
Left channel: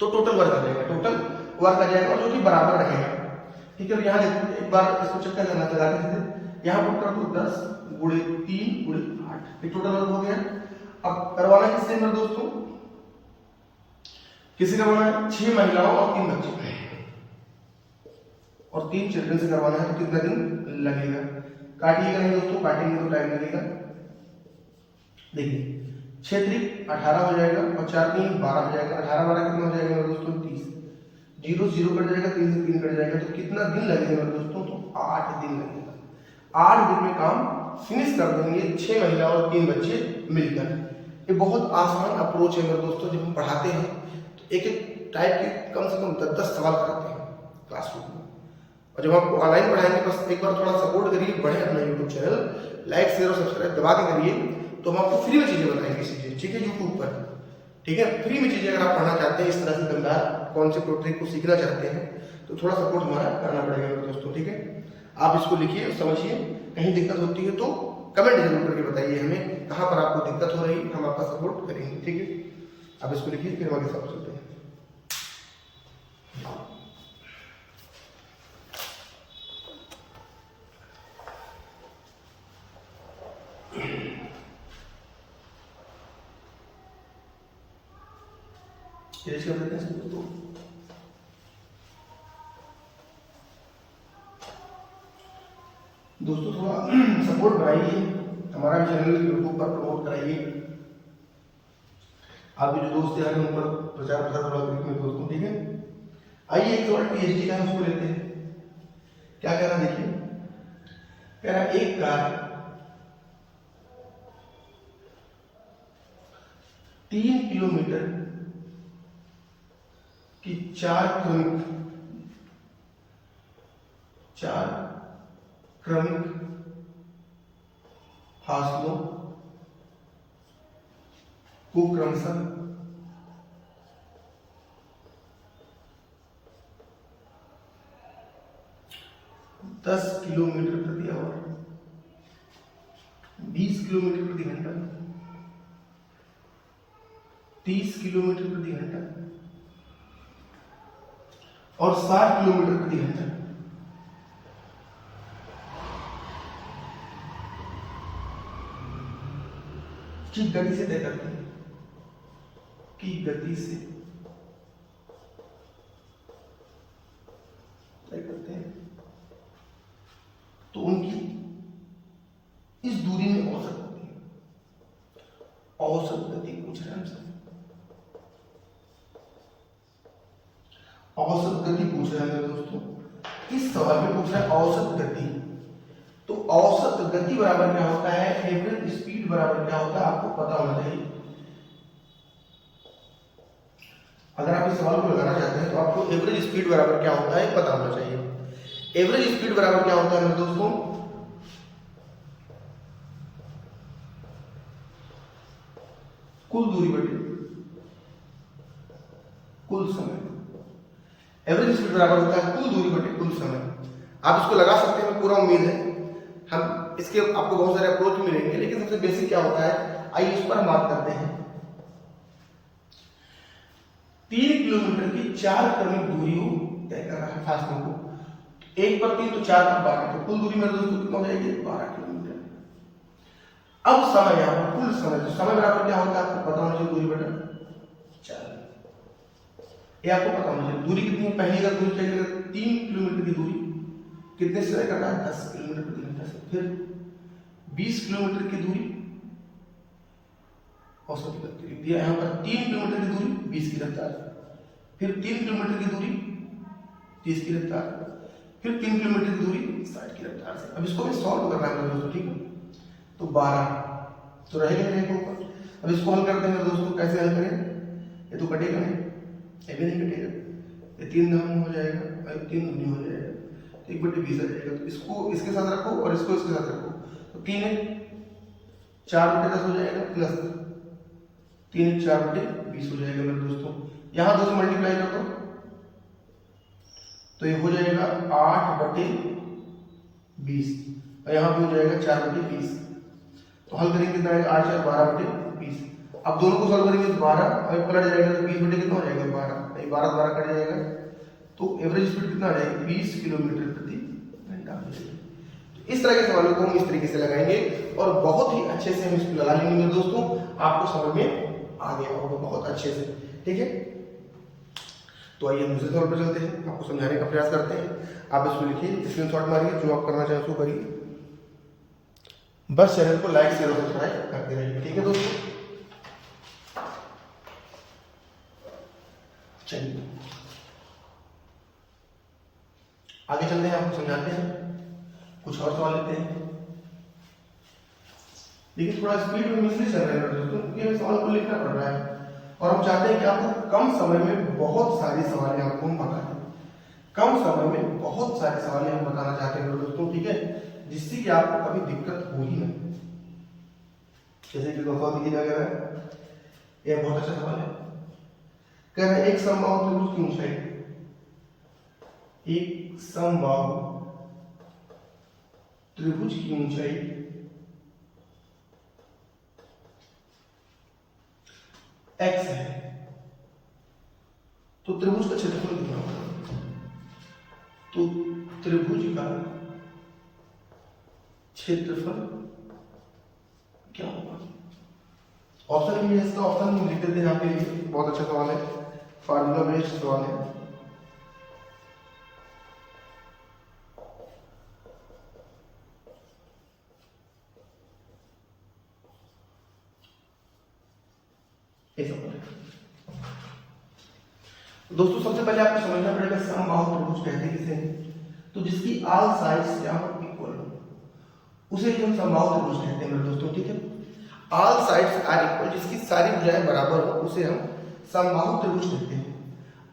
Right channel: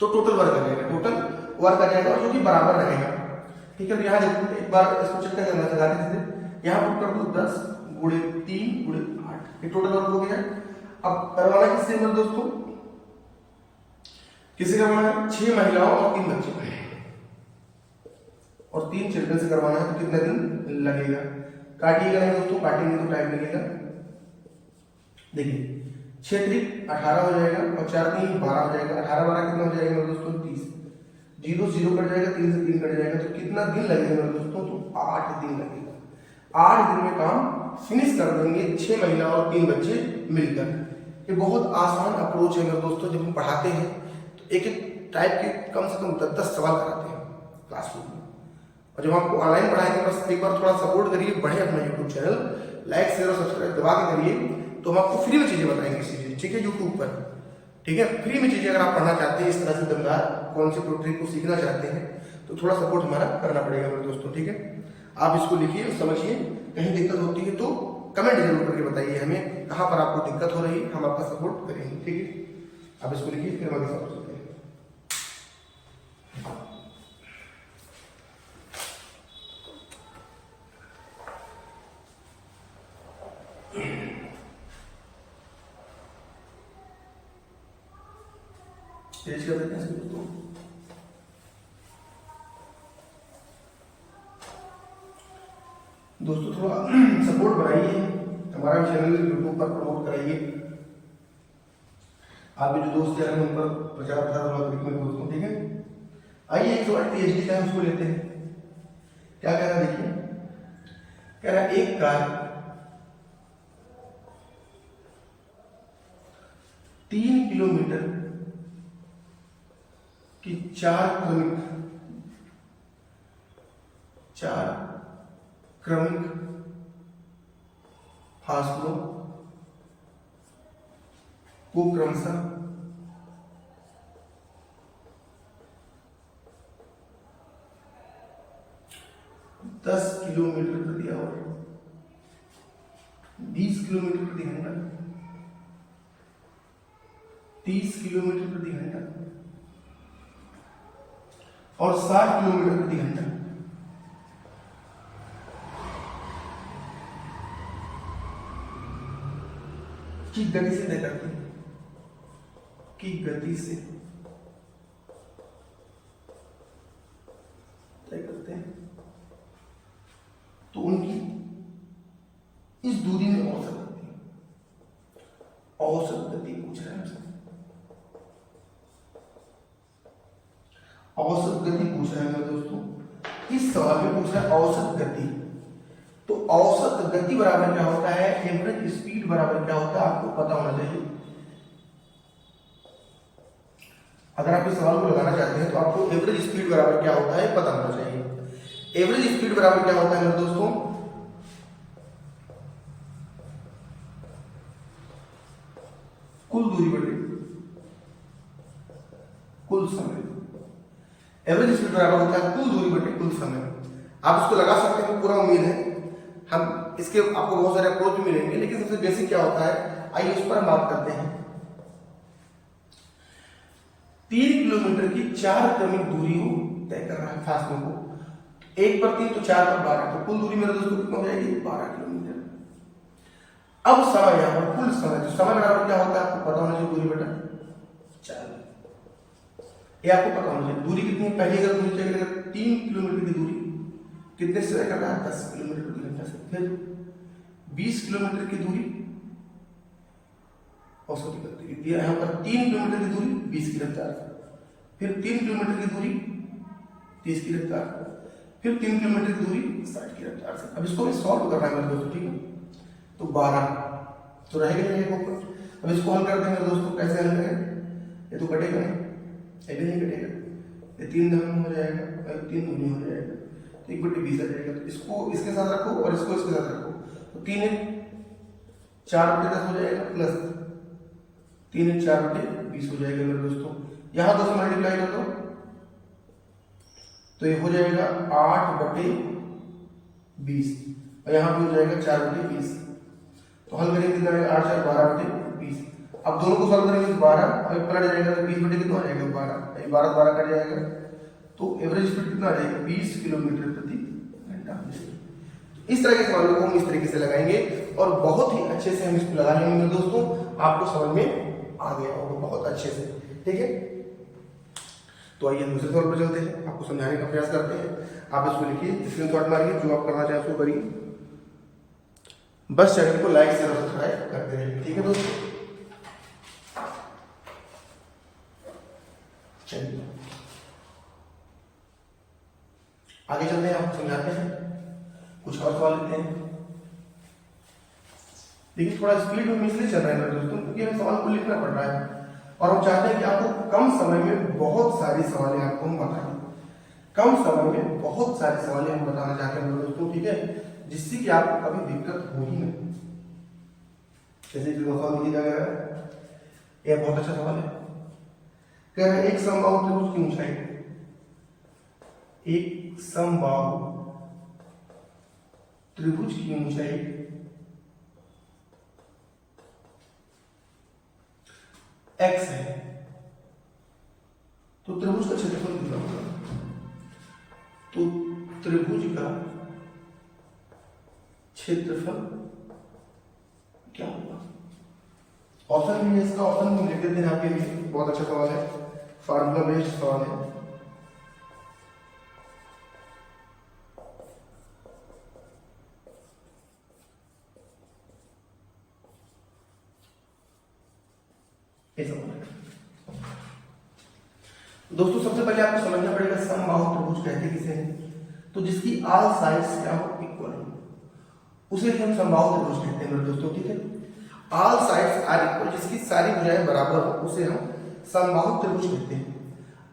तो टोटल वर्क आ जाएगा, टोटल वर्क आ जाएगा, जो कि बराबर रहेगा। ठीक है, तो यहाँ एक बार इसको चेक करना लगाते थे, यहाँ पुट कर दो 10 गुणे 3 गुणे 8, ये टोटल वर्क हो गया। अब करवाना किससे मेरे दोस्तों? किससे करवाना है? 6 महिलाओं और 3 बच्चे और 3 चिल्ड्रन से करवाना है। तो कितना दिन लगेगा? काटिएगा नहीं दोस्तों, काटेंगे तो टाइम लगेगा। देखिए 6 त्रिक 18 हो जाएगा और 4 3 12 हो जाएगा। 18 12 कितना हो जाएगा मेरे दोस्तों? 30। 0 0 कट जाएगा, 3 से 3 कट जाएगा। तो कितना दिन लगेगा मेरे दोस्तों? तो 8 दिन लगेगा। 8 दिन में काम फिनिश कर देंगे 6 महिला और 3 बच्चे मिलकर। ये बहुत आसान अप्रोच है मेरे दोस्तों। जब हम पढ़ाते हैं तो एक एक टाइप के कम से कम 10-10 सवाल कराते हैं क्लासरूम में। और जब आपको ऑनलाइन पढ़ाएंगे बस एक बार थोड़ा सपोर्ट करिए, बढ़े अपना यूट्यूब चैनल, लाइक शेयर और सब्सक्राइब दबा के करिए, तो हम आपको फ्री में चीजें बताएंगे चीजें। ठीक है, यूट्यूब पर। ठीक है, फ्री में चीजें अगर आप पढ़ना चाहते हैं इस तरह से दमदार कॉन्सेप्ट और ट्रिक को सीखना चाहते हैं तो थोड़ा सपोर्ट हमारा करना पड़ेगा मेरे दोस्तों। ठीक है, आप इसको लिखिए और समझिए। कहीं दिक्कत होती है तो कमेंट जरूर करके बताइए हमें कहाँ पर आपको दिक्कत हो रही है, हम आपका सपोर्ट करेंगे। ठीक है, आप इसको लिखिए, फिर हम आगे सवाल चलते हैं। रेशियो देते हैं दोस्तों। दोस्तों थोड़ा सपोर्ट बनाइए, हमारा भी चैनल यूट्यूब पर प्रमोट कराइए। आपके जो दोस्त हैं उन पर प्रचार प्रसार थोड़ा करिए दोस्तों। ठीक है, आइए एक सवाल पीएचडी का हम लेते हैं। क्या कह रहा है देखिए। कह रहा है एक कार 3 किलोमीटर कि 4 क्रमिक फासलों को क्रमशः 10 किलोमीटर प्रति आवर, 20 किलोमीटर प्रति घंटा, 30 किलोमीटर प्रति घंटा और 60 किलोमीटर प्रति घंटा की गति से तय करते हैं, की गति से तय करते हैं। तो उनकी इस दूरी में औसत गति पूछ रहे हैं हमसे। औसत गति पूछ रहे हैं दोस्तों। इस सवाल में पूछ रहा है औसत गति। तो औसत गति बराबर क्या होता है? एवरेज स्पीड बराबर क्या होता है? आपको पता होना चाहिए। अगर आप इस सवाल को लगाना चाहते हैं तो आपको एवरेज स्पीड बराबर क्या होता है पता होना चाहिए। एवरेज स्पीड बराबर क्या होता है मेरे दोस्तों? कुल दूरी बटे कुल समय। एवरेज स्पीड बराबर होता है कुल दूरी बटे कुल समय। आप इसको लगा सकते हैं, पूरा उम्मीद है। हम इसके आपको बहुत सारे अप्रोच मिलेंगे, लेकिन सबसे बेसिक क्या होता है आइए उस पर हम बात करते हैं। 3 किलोमीटर की 4 क्रमिक दूरी तय कर रहा है फासलों को। 1 पर 3 तो 4 पर 12, तो कुल दूरी मेरे दोस्तों कितना हो जाएगी? 12 किलोमीटर। अब समय, यहां पर कुल समय, तो समय बराबर क्या होता है आपको पता होना चाहिए, दूरी बटा 4। ये आपको पता होना चाहिए। दूरी कितनी है? पहली अगर दूरी चेक करें 3 किलोमीटर की दूरी कितने से तय कर रहा है? 10 किलोमीटर प्रति घंटा से। फिर 20 किलोमीटर की दूरी औसत गति दिया यहाँ पर। 3 किलोमीटर की दूरी 20 की रफ्तार से। फिर 3 किलोमीटर की दूरी 30 की रफ्तार से। फिर 3 किलोमीटर की दूरी 60 की रफ्तार से। अब इसको मैं सॉल्व कर रहा हूँ दोस्तों। ठीक है, तो 12 तो रहेगा नहीं ऊपर। अब इसको हल करते हैं दोस्तों, कैसे हल करें? ये तो कटेगा नहीं, ये भी नहीं कटेगा, ये 3 दशमलव हो जाएगा और 3 दूनी हो जाएगा, तो 1/20 आ जाएगा। तो इसको इसके साथ रखो और इसको इसके साथ रखो, तो 3 4/10 हो जाएगा प्लस 3 4/20 हो जाएगा मेरे दोस्तों। यहाँ 2 से मल्टीप्लाई कर दो तो ये हो जाएगा 8/20 और यहाँ भी हो जाएगा 4/20। तो हल करेंगे कितना आएगा? 8 4 12/20। अब दोनों को सॉल्व करेंगे तो 12 और पलट जाएगा तो 20 कितना हो जाएगा? 12 12 कट जाएगा, तो एवरेज स्पीड कितना आ जाएगा? 20 किलोमीटर प्रति घंटा हो जाएगा। तो इस तरह के सवालों को हम इस तरीके से लगाएंगे और बहुत ही अच्छे से हम इसको लगा लेंगे दोस्तों, आपको समझ में आ गया होगा बहुत अच्छे से, ठीक है। तो आइए हम दूसरे सवाल पर चलते हैं, आपको समझाने का प्रयास करते हैं। आप इसको लिखिए, स्क्रीनशॉट मारिए, जो आप करना चाहें उसको करिए। बस चैनल को लाइक शेयर और सब्सक्राइब करते रहिए, ठीक है दोस्तों। चलिए आगे चलते हैं, आपको समझाते हैं, कुछ और सवाल लेते हैं। देखिए थोड़ा स्पीड में इसलिए चल रहा है दोस्तों क्योंकि हमें सवाल को लिखना पड़ रहा है और हम चाहते हैं कि आपको कम समय में बहुत सारी सवालें आपको हम बताएं। कम समय में बहुत सारी सवालें हम बताना चाहते हैं दोस्तों, ठीक है, जिससे कि आपको कभी दिक्कत हो ही नहीं। जैसे कि सवाल दिया गया है, यह बहुत अच्छा सवाल है। कह रहे हैं एक समबाहु त्रिभुज की ऊंचाई, एक समबाहु त्रिभुज की ऊंचाई x है, तो त्रिभुज का क्षेत्रफल कितना होगा? तो त्रिभुज का क्षेत्रफल क्या होगा? ऑप्शन भी है इसका, ऑप्शन में लिख देते हैं आपके लिए। बहुत अच्छा सवाल है, फार्मूला बेस्ड सवाल है। दोस्तों सबसे पहले आपको समझना पड़ेगा समबाहु त्रिभुज कहते किसे हैं? तो जिसकी ऑल साइड्स क्या हो? इक्वल हो, उसे हम समबाहु त्रिभुज कहते हैं मेरे दोस्तों, ठीक है। ऑल साइड्स आर इक्वल, जिसकी सारी भुजाएं बराबर हो उसे हम समबाहु त्रिभुज कहते हैं।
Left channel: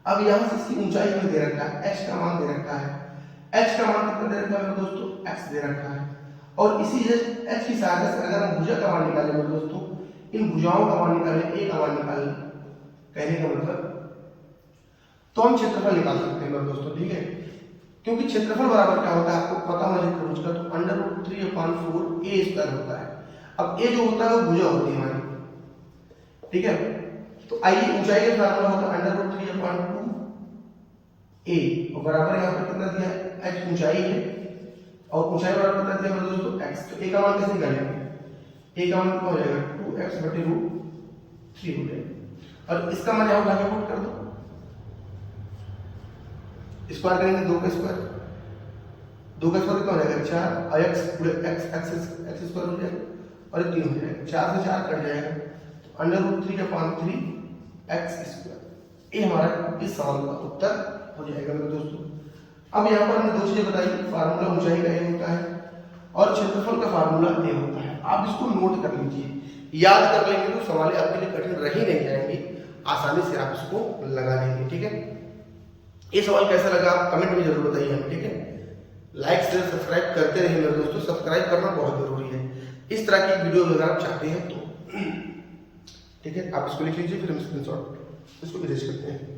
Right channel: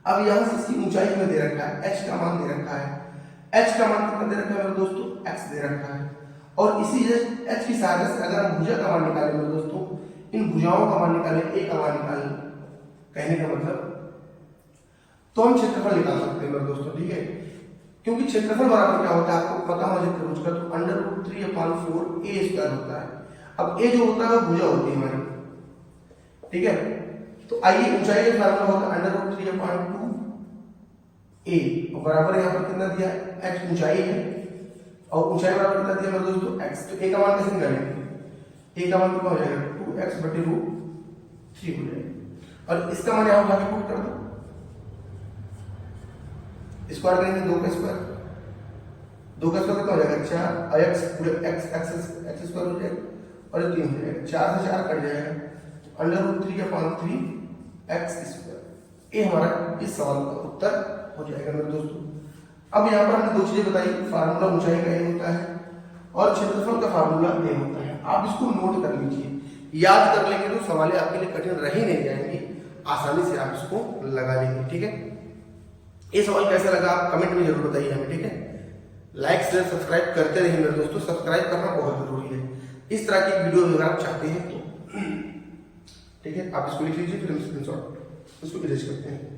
अब यहाँ से इसकी ऊंचाई में दे रखा है, h का मान दे रखा है। h का मान कितना दे रखा है मेरे दोस्तों? x दे रखा है। और इसी h की सहायता से अगर हम भुजा का मान निकालें मेरे दोस्तों, इन भुजाओं का मान निकालें, a का मान निकालें, कहने का मतलब तो हम क्षेत्रफल निकाल सकते हैं मेरे दोस्तों, ठीक है। क्योंकि क्षेत्रफल बराबर क्या होता है आपको पता होना चाहिए त्रिभुज का, तो √3/4 a² होता है। अब a जो होता है वो भुजा होती है हमारी, ठीक है। तो आइए ऊंचाई का फार्मूला होता है √3/2a और बराबर यहाँ पर कितना दिया? h ऊंचाई है और ऊंचाई बराबर कितना दिया मेरे दोस्तों? x। तो a का मान कैसे निकालेंगे? a का मान कितना हो जाएगा? 2x/√3 हो जाएगा और इसका मान यहाँ उठा के पुट कर दो, स्क्वायर करेंगे 2 का स्क्वायर, 2 का स्क्वायर कितना हो जाएगा? 4 और x पूरे x स्क्वायर हो जाएगा और ये 3 हो जाएगा, 4 से 4 कट जाएगा, √3/3x²। ये हमारा इस सवाल का उत्तर हो जाएगा मेरे दोस्तों। अब यहाँ पर हमने 2 चीजें बताई, फार्मूला ऊंचाई का ये होता है और क्षेत्रफल का फार्मूला ये होता है। आप इसको नोट कर लीजिए, याद कर लेंगे तो सवालें आपके लिए कठिन रह ही नहीं जाएंगी, आसानी से आप इसको लगा लेंगे, ठीक है। ये सवाल कैसा लगा आप कमेंट में जरूर बताइए हमें, ठीक है। लाइक शेयर सब्सक्राइब करते रहिए मेरे दोस्तों, सब्सक्राइब करना बहुत जरूरी है इस तरह की वीडियो अगर आप चाहते हैं तो, ठीक है। आप इसको लिख लीजिए, फिर हम स्क्रीनशॉट इसको इरेज करते हैं।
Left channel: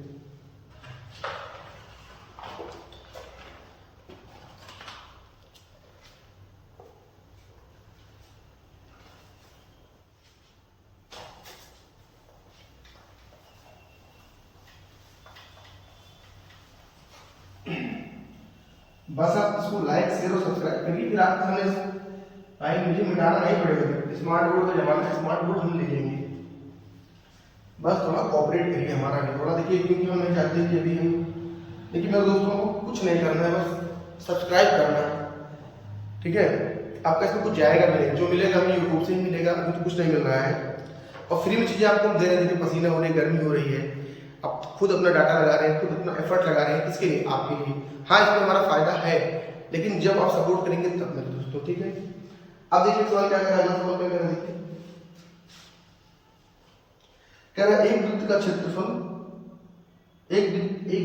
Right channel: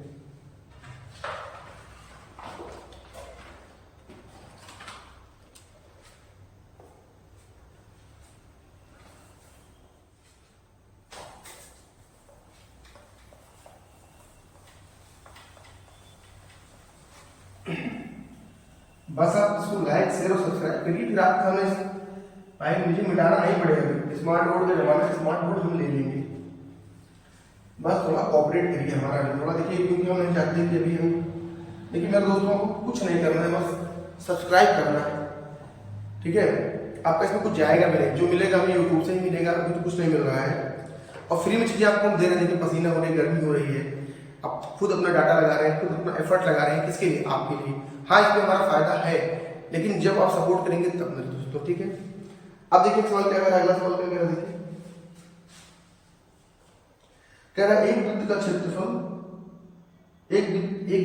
बस आप इसको लाइक शेयर और सब्सक्राइब करिए, फिर आपके सामने भाई मुझे मिटाना नहीं पड़ेगा, स्मार्ट बोर्ड का जमाना है, स्मार्ट बोर्ड हम ले लेंगे। बस थोड़ा कोऑपरेट करिए हमारा भी थोड़ा, देखिए क्योंकि हम नहीं चाहते कि अभी हम, देखिए मेरे दोस्तों को कुछ नहीं करना है, बस सब्सक्राइब करना है, ठीक है। आपका इसमें कुछ जाएगा भी नहीं, जो मिलेगा हमें यूट्यूब से ही मिलेगा, अभी तो कुछ नहीं मिल रहा है और फ्री में चीज़ें आपको हम दे रहे हैं। देखिए पसीना हो रही है, गर्मी हो रही है, आप खुद अपना डाटा लगा रहे हैं, खुद अपना एफर्ट लगा रहे हैं, किसके लिए? आपके लिए। हाँ इसमें हमारा फायदा है, लेकिन जब आप सपोर्ट करेंगे तब मेरे दोस्तों, ठीक है। अब देखिए सवाल क्या कर रहा है, अगला सवाल क्या कर रहा है, देखिए कह रहा है एक वृत्त का क्षेत्रफल, एक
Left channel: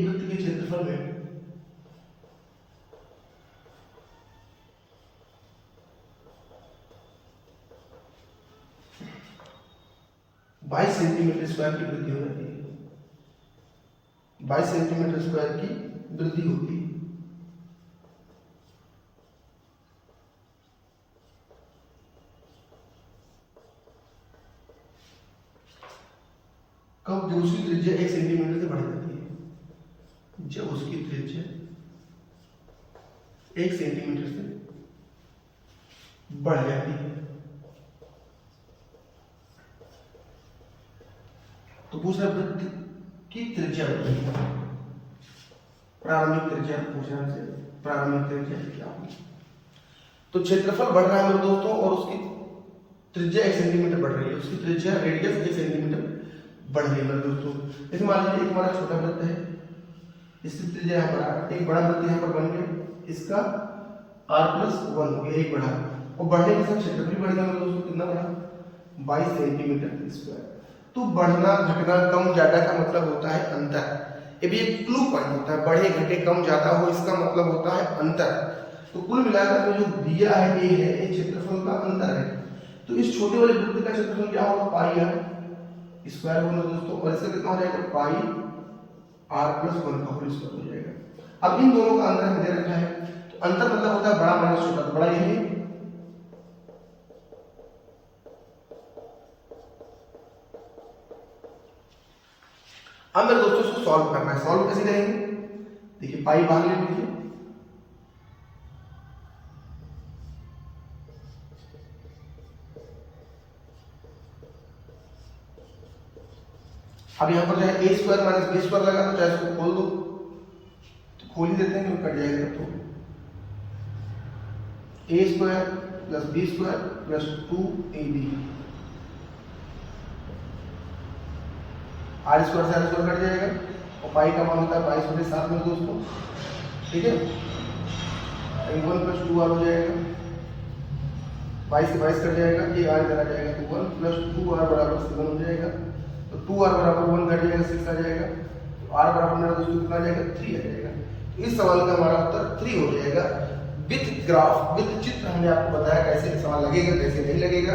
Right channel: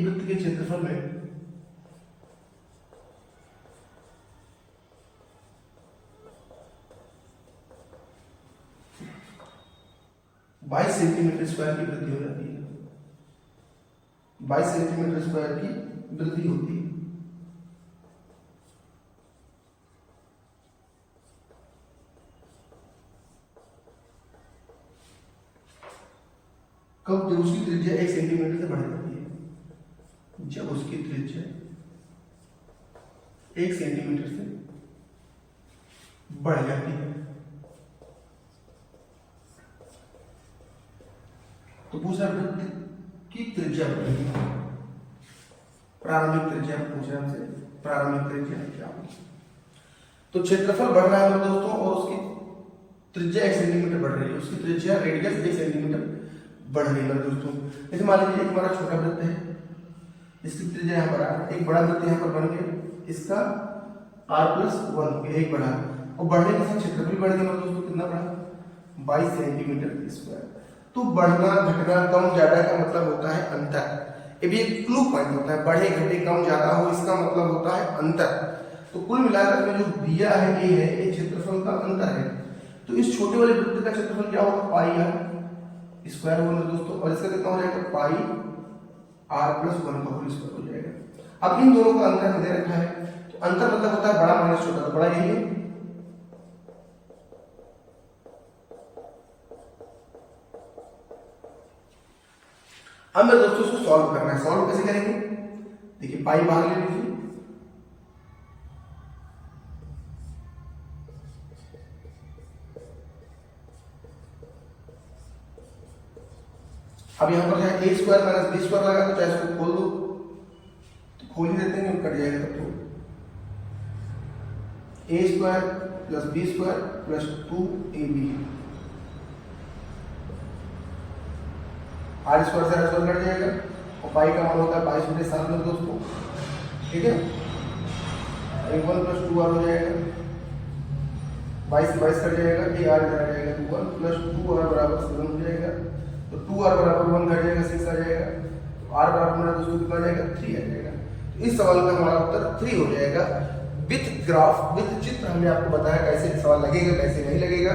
वृत्त के क्षेत्रफल में 22 सेंटीमीटर स्क्वायर की वृद्धि हो जाती है। 22 सेंटीमीटर स्क्वायर की वृद्धि होती है। कब? जब उसकी त्रिज्या 1 सेंटीमीटर से बढ़ जाती है। जब उसकी त्रिज्या 1 सेंटीमीटर से बढ़ जाती है। तो पूछ रहा वृत्त की त्रिज्या बढ़ेगी। प्रारंभिक त्रिज्या पूछ रहा है, प्रारंभिक त्रिज्या क्या होगी? तो क्षेत्रफल बढ़ रहा है मेरे दोस्तों और उसकी त्रिज्या 1 सेंटीमीटर बढ़ रही है। उसकी त्रिज्या रेडियस 1 सेंटीमीटर बढ़ रही है मेरे दोस्तों। जैसे मान लीजिए एक हमारा छोटा वृत्त है, इसकी त्रिज्या यहाँ पर एक बड़ा वृत्त यहाँ पर बन गया, इसका r+1 हो गया, एक बढ़ा, और बढ़ने के साथ क्षेत्रफल बढ़ गया मेरे दोस्तों। कितना बढ़ा? 22 सेंटीमीटर स्क्वायर। तो बढ़ना घटना कम ज्यादा का मतलब होता है अंतर। ये भी एक क्लू पॉइंट होता है, बढ़े घटे कम ज्यादा हो इसका मतलब होता है अंतर। तो कुल मिलाकर के जो दिया है ये है, ये क्षेत्रफल का अंतर है। तो इस छोटे वाले वृत्त का क्षेत्रफल क्या होगा? पाई r स्क्वायर होगा दोस्तों, और इसका कितना हो जाएगा? पाई r+1 का होल स्क्वायर हो जाएगा। अब इन दोनों का अंतर दे रखा है, तो अंतर मतलब होता है बड़ा माइनस छोटा, तो बड़ा यही है। अब मेरे दोस्तों इसको सॉल्व करना है। सॉल्व कैसे करेंगे? देखिए पाई बाहर ले लीजिए, अब यहाँ पर जो है a square minus b square लगा, तो चाहे इसको खोल दो, तो खोल ही देते हैं, कट जाएगा। तो a square plus b square plus 2ab, r square से r स्क्वायर कट जाएगा, और पाई का मान होता है 22/7 में दोस्तों, ठीक है। 1 + 2r हो जाएगा, 22 से 22 कट जाएगा, ये r इधर आ जाएगा, 1 + 2r = 7 हो जाएगा। तो 2r = 1 कट जाएगा, 6 आ जाएगा, तो r बराबर मेरा दोस्तों कितना आ जाएगा? 3 आ जाएगा। तो इस सवाल का हमारा उत्तर 3 हो जाएगा। विथ ग्राफ, विथ चित्र हमने आपको बताया कैसे सवाल लगेगा कैसे नहीं लगेगा,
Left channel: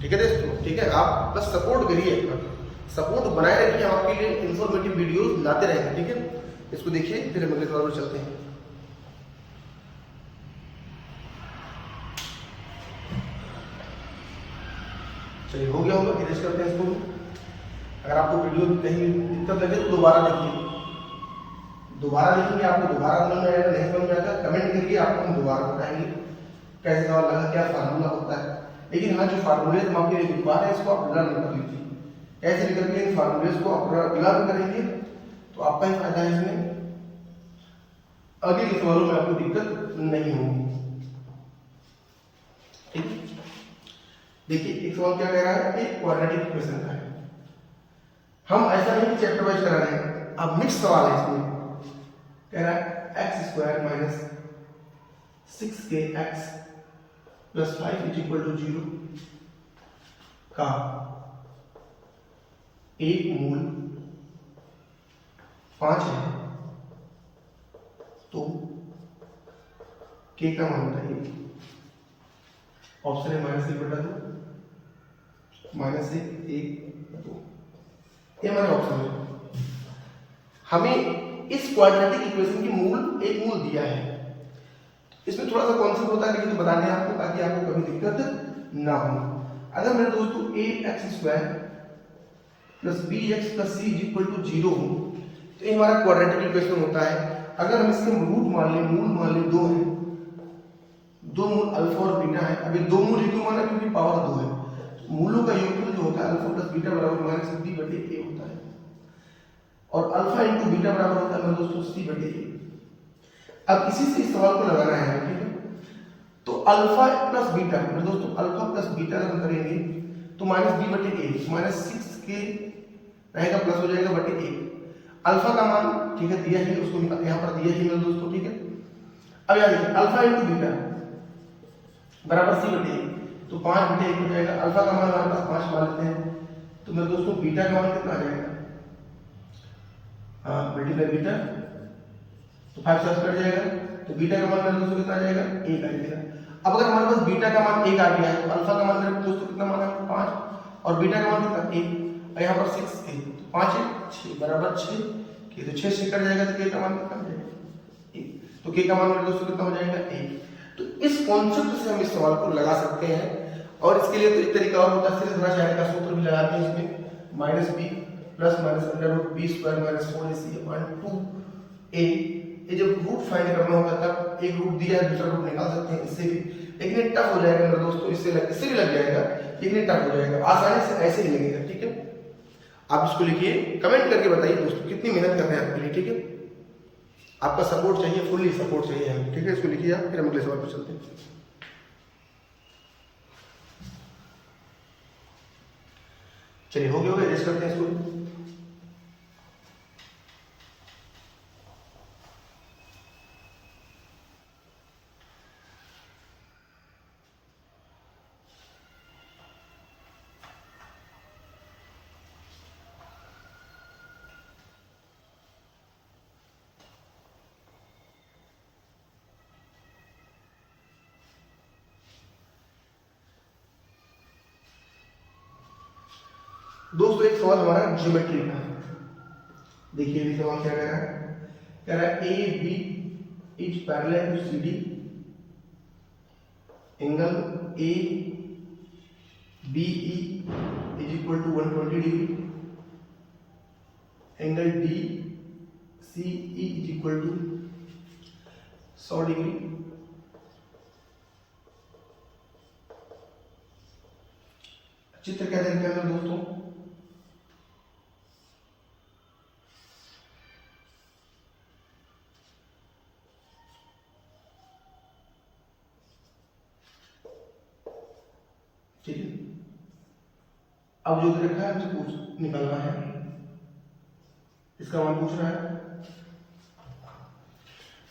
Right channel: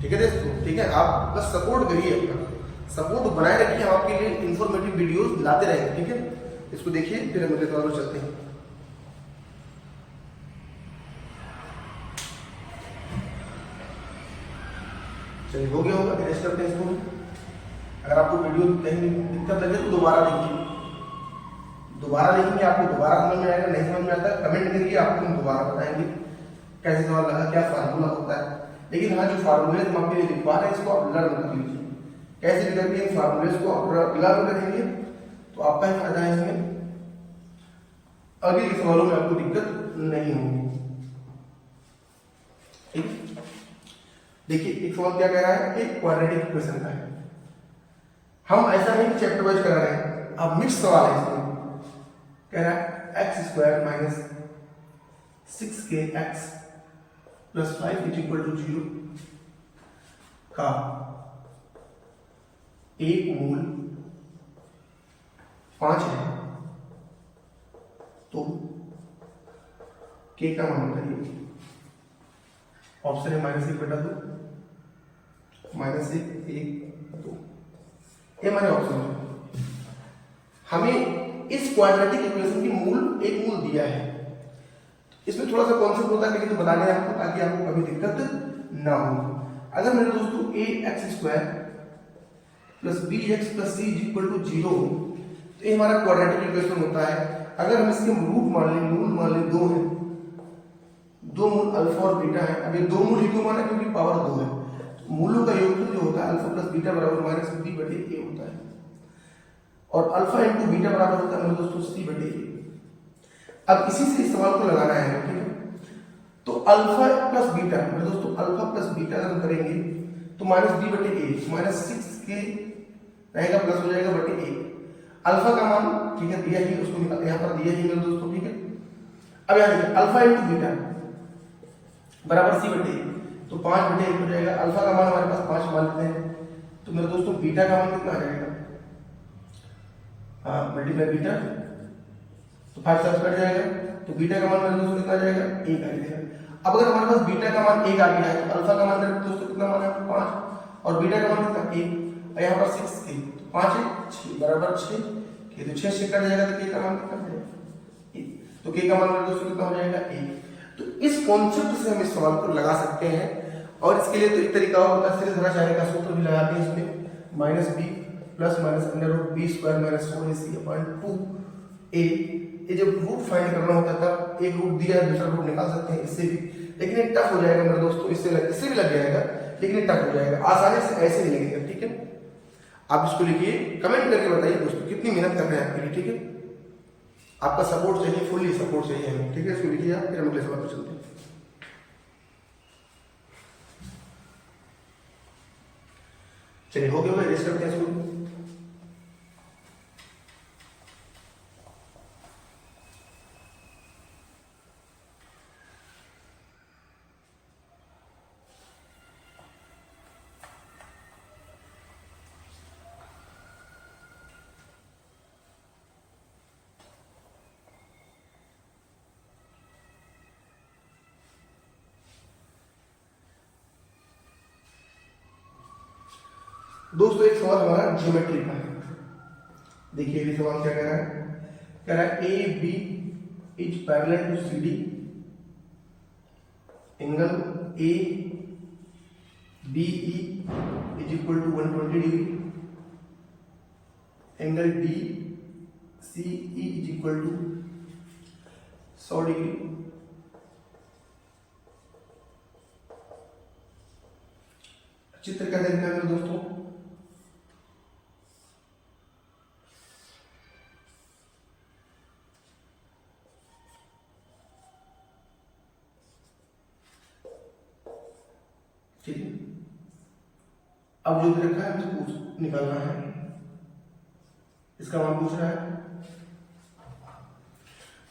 ठीक है दोस्तों, ठीक है। आप बस सपोर्ट करिए, अपना सपोर्ट बनाए रखिए, हम आपके लिए इंफॉर्मेटिव वीडियोस लाते रहेंगे, ठीक है। इसको देखिए, फिर हम अगले सवाल पर चलते हैं। चलिए हो गया होगा, फिनिश करते हैं इसको। अगर आपको वीडियो कहीं दिक्कत लगे तो दोबारा देखिए, दोबारा देखेंगे, आपको दोबारा समझ में आएगा। नहीं समझ में आता कमेंट करिए, आपको हम दोबारा बताएंगे कैसे सवाल लगा, क्या फार्मूला होता है। लेकिन हाँ, जो फार्मूले हम आपके लिए लिखवा रहे हैं इसको आप लर्न कर लीजिए। कैसे करके इन फार्मूलेज को आप लर्न करेंगे तो आपका ही फायदा है, इसमें आगे के सवालों में आपको दिक्कत नहीं होगी, ठीक। देखिए एक सवाल क्या कह रहा है, एक क्वाड्रेटिक इक्वेशन का है। हम ऐसा नहीं चैप्टर वाइज करा रहे हैं, अब मिक्स सवाल है इसमें। कह रहा है x² - 6kx + 5 = 0 का एक मूल 5 है, तो k का मान बताइए। ऑप्शन है -1/2, -1, 1, 2, ये हमारे ऑप्शन है। हमें इस क्वाड्रेटिक इक्वेशन की एक मूल दिया है। इसमें थोड़ा सा कॉन्सेप्ट होता है, लेकिन तो बताने आपको ताकि आपको कभी दिक्कत ना हो। अगर मेरे दोस्तों ax² + bx + c = 0 तो ये हमारा क्वाड्रेटिक इक्वेशन होता है। अगर हम इसके रूट मान लें, मूल मान लें 2 है, 2 मूल अल्फा और बीटा है। अब ये 2 मूल क्यों माना? क्योंकि पावर 2 है। तो मूलों का योगफल जो होता है अल्फा + बीटा = -b/a होता है, और अल्फा × बीटा बराबर होता है मेरे दोस्तों c/a। अब इसी से इस सवाल को लगाना है, ठीक है। तो अल्फा + बीटा मेरे दोस्तों, अल्फा + बीटा अगर हम करेंगे तो -b/a, -6k रहेगा, प्लस हो जाएगा /a। अल्फा का मान ठीक है दिया ही, उसको यहाँ पर दिया ही मेरे दोस्तों, ठीक है। अब यहाँ देखिए अल्फा × बीटा = c/a, तो 5/1 हो जाएगा। अल्फा का मान हमारे पास 5 मान लेते हैं, तो तो मेरे दोस्तों बीटा का मान कितना आ जाएगा, मल्टीप्लाई बीटा, तो 5 से कट जाएगा, तो बीटा का मान मेरे दोस्तों कितना आ जाएगा, 1 आ जाएगा। अब अगर हमारे पास बीटा का मान 1 आ गया है तो अल्फा का मान मेरे दोस्तों कितना मान है, 5, और बीटा का मान कितना 1, और यहाँ पर 6 थी, 5 है 6 बराबर 6, तो 6 से कट जाएगा तो के का मान कितना हो जाएगा, 1, तो के का मान मेरे दोस्तों कितना हो जाएगा, 1। तो इस कॉन्सेप्ट से हम इस सवाल को लगा सकते हैं, और इसके लिए तो एक तरीका और होता है, सीधे धरा चाहे का सूत्र भी लगाते हैं इसमें, minus B plus minus under root B square minus 4ac upon 2a। ये जब रूट फाइंड करना होता था, एक रूट दिया है दूसरा रूट निकाल सकते हैं इससे भी, लेकिन ये टफ हो जाएगा मेरे दोस्तों, इससे भी लग जाएगा, लेकिन ये टफ हो जाएगा, आसानी से ऐसे ही लगेगा। ठीक है, आप इसको लिखिए, कमेंट करके बताइए दोस्तों कितनी मेहनत कर रहे हैं आपके लिए। ठीक है, आपका सपोर्ट चाहिए, फुल्ली सपोर्ट चाहिए हमें। ठीक है, इसको लिखिए आप, फिर हम अगले सवाल पर चलते हैं। चलिए हो गया, रेस्ट करते हैं इसको। दोस्तों एक सवाल हमारा ज्योमेट्री का, देखिए ये सवाल क्या कह रहा है A B is parallel to C D, angle A B E is equal to 120 degree, angle D C E is equal to 100 degree. चित्र क्या देखते हैं दोस्तों, ठीक है, अब जो दे रखा है हमें पूछ निकालना है, इसका मान पूछ रहा है,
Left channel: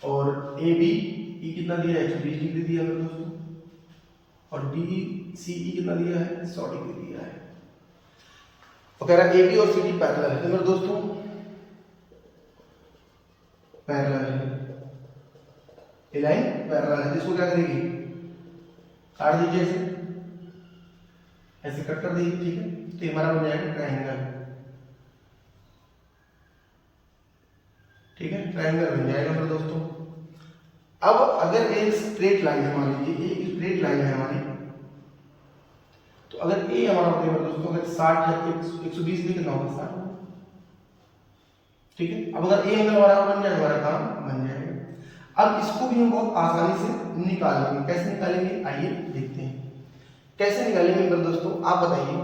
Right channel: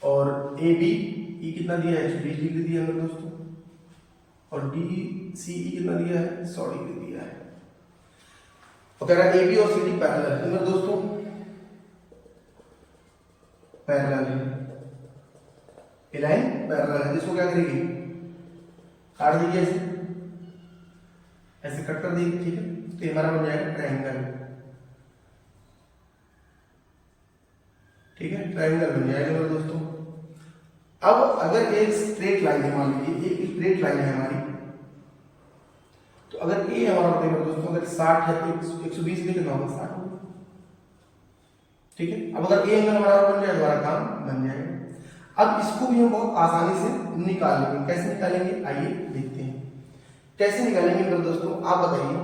और ए बी ई कितना दिया है 120 डिग्री दिया है दोस्तों, और डी सी ई कितना दिया है 100 डिग्री दिया है। तो कह रहा है ए बी और सी डी पैरेलल है, तो मेरे दोस्तों पैरेलल है, ए लाइन पैरेलल है, जिसको क्या करेगी काट दीजिए, ऐसे कट कर दीजिए। ठीक है, तो ये हमारा बन जाएगा ट्रायंगल। ठीक है, ट्रायंगल बन जाएगा मेरे दोस्तों। अब अगर एक स्ट्रेट लाइन है, मान लीजिए एक स्ट्रेट लाइन है हमारी, तो अगर ए हमारा बताइए दोस्तों, अगर 60 है 120 भी कितना होगा 60 होगा। ठीक है, अब अगर ए एंगल हमारा बन जाए, हमारा काम बन जाएगा। अब इसको भी हम बहुत आसानी से निकाल लेंगे, कैसे निकालेंगे आइए देखते हैं कैसे निकालेंगे मेरे दोस्तों। आप बताइए,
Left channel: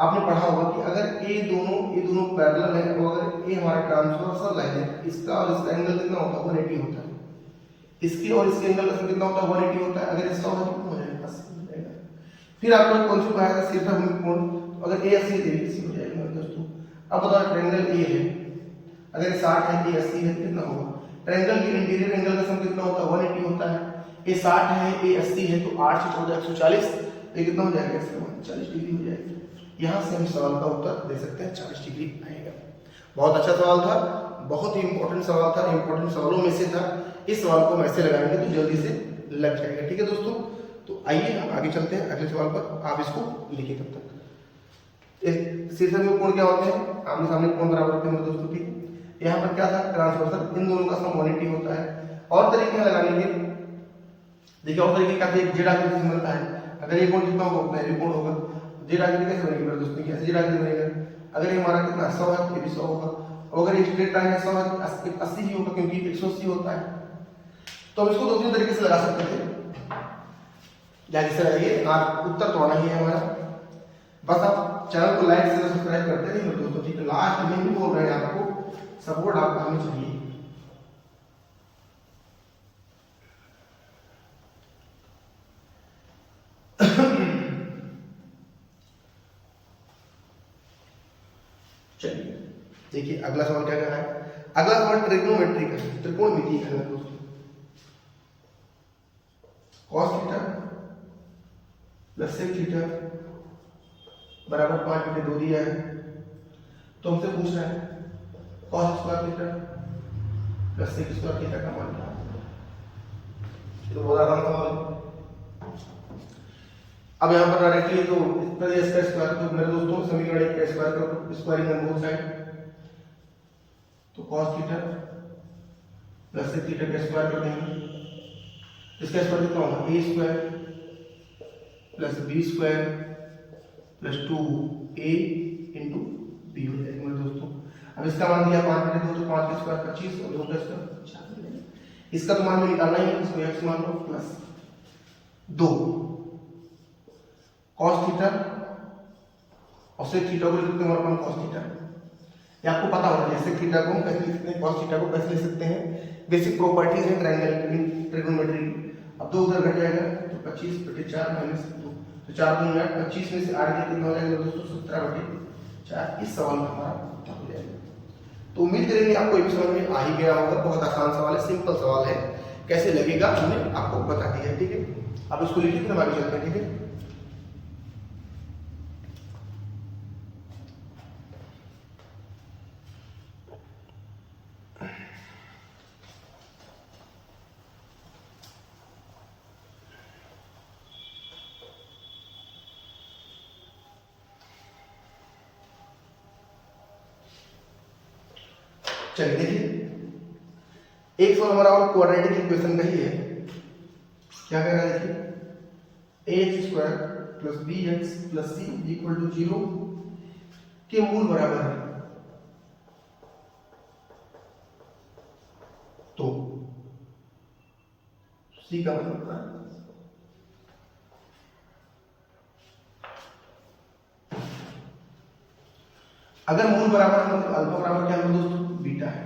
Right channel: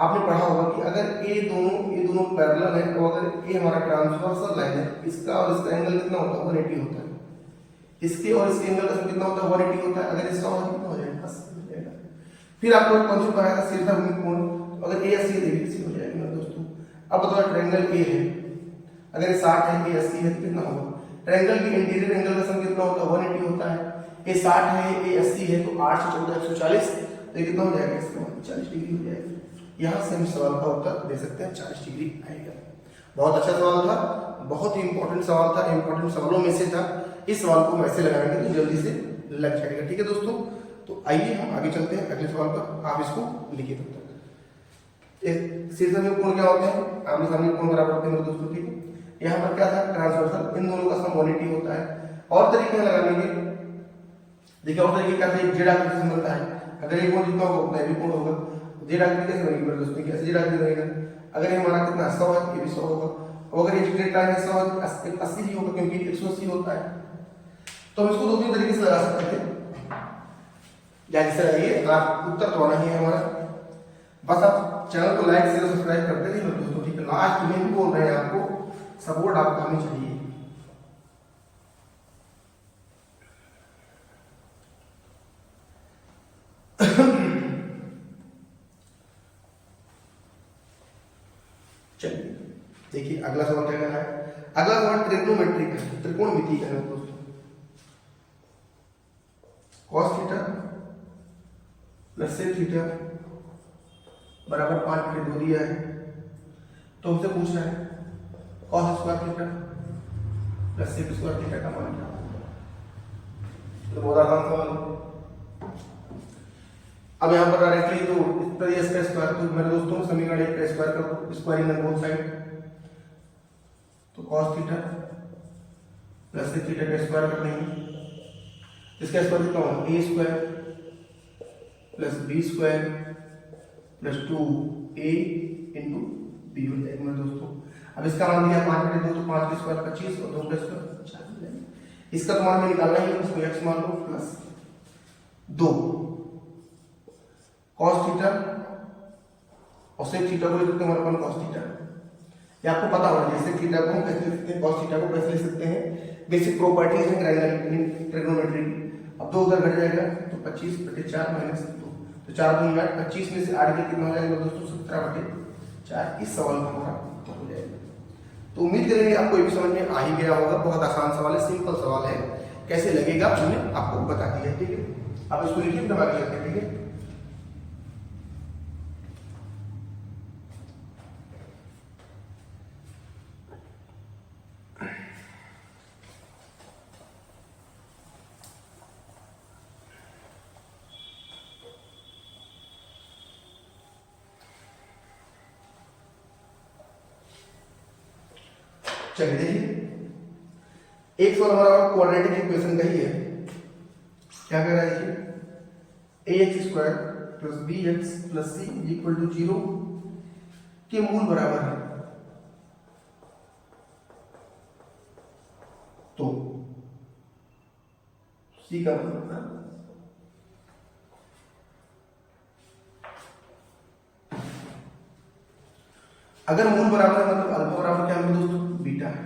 आपने पढ़ा होगा कि अगर ये दोनों पैरेलल है, और अगर ये हमारा ट्रांसवर्सल लाइन है, इसका और इसका एंगल कितना होता है 180 होता है, इसके और इसके एंगल का कितना होता है 180 होता है, अगर इसका हो कितना हो जाएगा 80 हो जाएगा। फिर आपको कौन सा आएगा शीर्षक कोण, अगर ए 80 है तो हो जाएगा मेरे दोस्तों। अब बताओ ट्रायंगल ए है, अगर ये 60 है ए 80 है कितना होगा, ट्रायंगल के इंटीरियर एंगल का सम कितना होता है 180 होता है, ए 60 है ए 80 है, तो 8 से 14 140, तो कितना हो जाएगा इसका 40 डिग्री हो जाएगा। यहाँ से हम सवाल का उत्तर दे सकते हैं 40 डिग्री आएगा। बहुत अच्छा सवाल था, बहुत ही इंपॉर्टेंट सवाल था, इंपॉर्टेंट सवालों में से था। इस सवाल को हम ऐसे लगाएंगे तो जल्दी से लग जाएगा। ठीक है दोस्तों, तो आइए हम आगे चलते हैं अगले सवाल पर, आप इसको लिखिए तब तक। शीर्षक में कोण क्या होते हैं, आमने सामने कोण बराबर होते हैं दोस्तों। ठीक है, यहाँ पर क्या था ट्रांसवर्सल, इन दोनों का सम 180 होता है। और तरीके लगा लेंगे, देखिए और तरीके क्या जेड आकृति से बनता है, अगर ये कोण जितना होगा उतना भी कोण होगा। जेड आकृति कैसे बनेगी मेरे दोस्तों, कैसे जेड आकृति बनेगा, अगर ये हमारा कितना 100 है, ये भी 100 होगा, और अगर ये स्ट्रेट लाइन है 100 है 80 ही होगा, क्योंकि 180 होता है। तो हम इसको 2-3 तरीके से लगा सकते थे, जैसे लगाइए आप, उत्तर तो आना ही है हमारा। बस आप चैनल को लाइक शेयर सब्सक्राइब करते रहिए मेरे दोस्तों। ठीक है, लास्ट में भी बोल रहे हैं आपको, सपोर्ट आपको हमें चाहिए। चलिए देखिए अगला सवाल क्या कह रहा है। अगला सवाल ट्रिग्नोमेट्री का, त्रिकोणमिति का है दोस्तों। cos theta plus sec theta बराबर 5 बटे 2 दिया है। तो हमसे पूछ रहा है cos square theta plus sec square theta का मान क्या होगा। ये तो बहुत आसान सवाल है। अब यहाँ पर डायरेक्टली तो इसका स्क्वायर, तो मेरे दोस्तों समीकरण 1 का स्क्वायर कर दो, स्क्वायरिंग ऑन बोथ साइड। तो cos theta plus sec theta का स्क्वायर कर देंगे। इसका स्क्वायर कितना होगा, a square plus b square plus 2a into b हो जाएगा मेरे दोस्तों। अब इसका मान दिया 5 बटे 2, तो 5 का स्क्वायर 25 और 2 का स्क्वायर 4 हो जाएगा। इसका तो मान में निकालना ही है, इसको x मान लो प्लस 2 cos थीटा और सेक थीटा को लिख सकते हैं अपन cos थीटा। ये आपको पता होना चाहिए, सेक थीटा को हम कैसे लिख सकते हैं, cos थीटा को कैसे लिख सकते हैं। बेसिक प्रॉपर्टीज है ट्रायंगल की। अब 2 उधर घट जाएगा तो 25 बटे 4 माइनस 2, तो 4 दूनी 8, 25 में से 8 के कितना हो जाएगा दोस्तों, 17 बटे 4। इस सवाल का हमारा उत्तर हो जाएगा। तो उम्मीद करेंगे आपको ये भी समझ में आ ही गया होगा। बहुत आसान सवाल है, सिंपल सवाल है, कैसे लगेगा हमने आपको बता दिया है। ठीक है, आप इसको लिखिए तो आगे चलते हैं। ठीक है, चलिए देखिए, एक सवाल हमारा क्वाड्रेटिक इक्वेशन का ही है। क्या कह रहा है देखिए, ax square plus bx plus c equal to 0 के मूल बराबर है। तो c का मतलब होता है अगर मूल बराबर है मतलब अल्फा बराबर क्या है दोस्तों, बीटा है।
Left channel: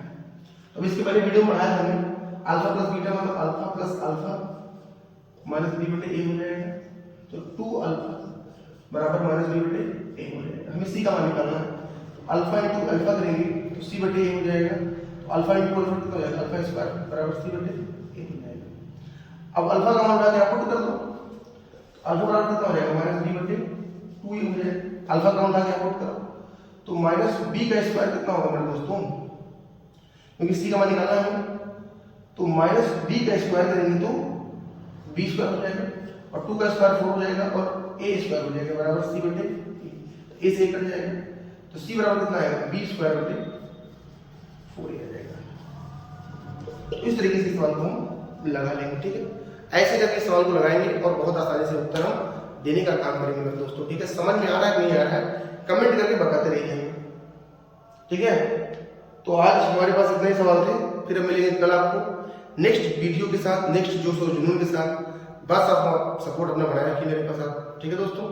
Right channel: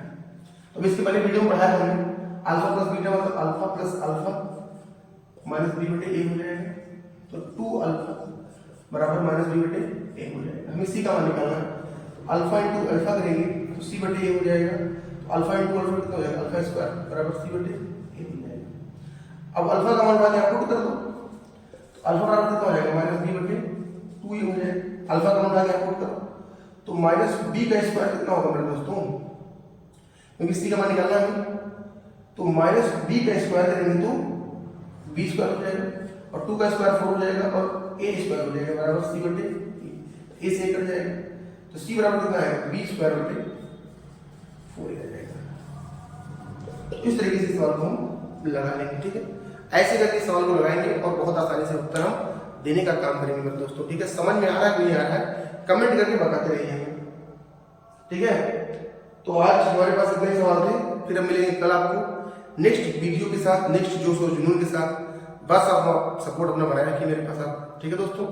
तो इसके पहले वीडियो में पढ़ाया था हमने, अल्फा प्लस बीटा मतलब alpha plus alpha minus B बटे ए हो जाएगा। तो 2 अल्फा बराबर माइनस बी बटे ए हो जाएगा। हमें सी का मान निकालना है, तो अल्फा इंटू अल्फा करेंगे तो सी बटे ए हो जाएगा। तो अल्फा इंटू अल्फा कितना हो जाएगा, अल्फा स्क्वायर बराबर सी बटे ए हो जाएगा। अब अल्फा का मान उठा के आप पुट कर दो, तो अल्फा बराबर कितना हो जाएगा, माइनस बी बटे 2 ए हो जाएगा। अल्फा का मान उठा के आप पुट करो तो माइनस बी का स्क्वायर कितना होगा मेरे दोस्तों, क्योंकि सी का मान निकालना है। तो माइनस बी का स्क्वायर करेंगे तो बी स्क्वायर हो जाएगा और 2 का स्क्वायर 4 हो जाएगा और ए स्क्वायर हो जाएगा बराबर सी बटे ए से कट जाएगा। तो सी बराबर कितना है, बी स्क्वायर बटे 4 आ जाएगा। इस तरीके से सवाल को हम लगा लेंगे। ठीक है, ऐसे करके सवाल को लगाएंगे और बहुत आसानी से उत्तर हम देने का काम करेंगे मेरे दोस्तों। ठीक है, समझ में आ रहा है कि नहीं आ रहा है, कमेंट करके बताते रहिए। ठीक है, तो आज हमारे पास इतने सवाल थे, फिर हम मिलेंगे कल आपको नेक्स्ट वीडियो के साथ, नेक्स्ट जोश और जुनून के साथ। बस आप सपोर्ट अपना बनाए रखिए मेरे पास। ठीक है दोस्तों।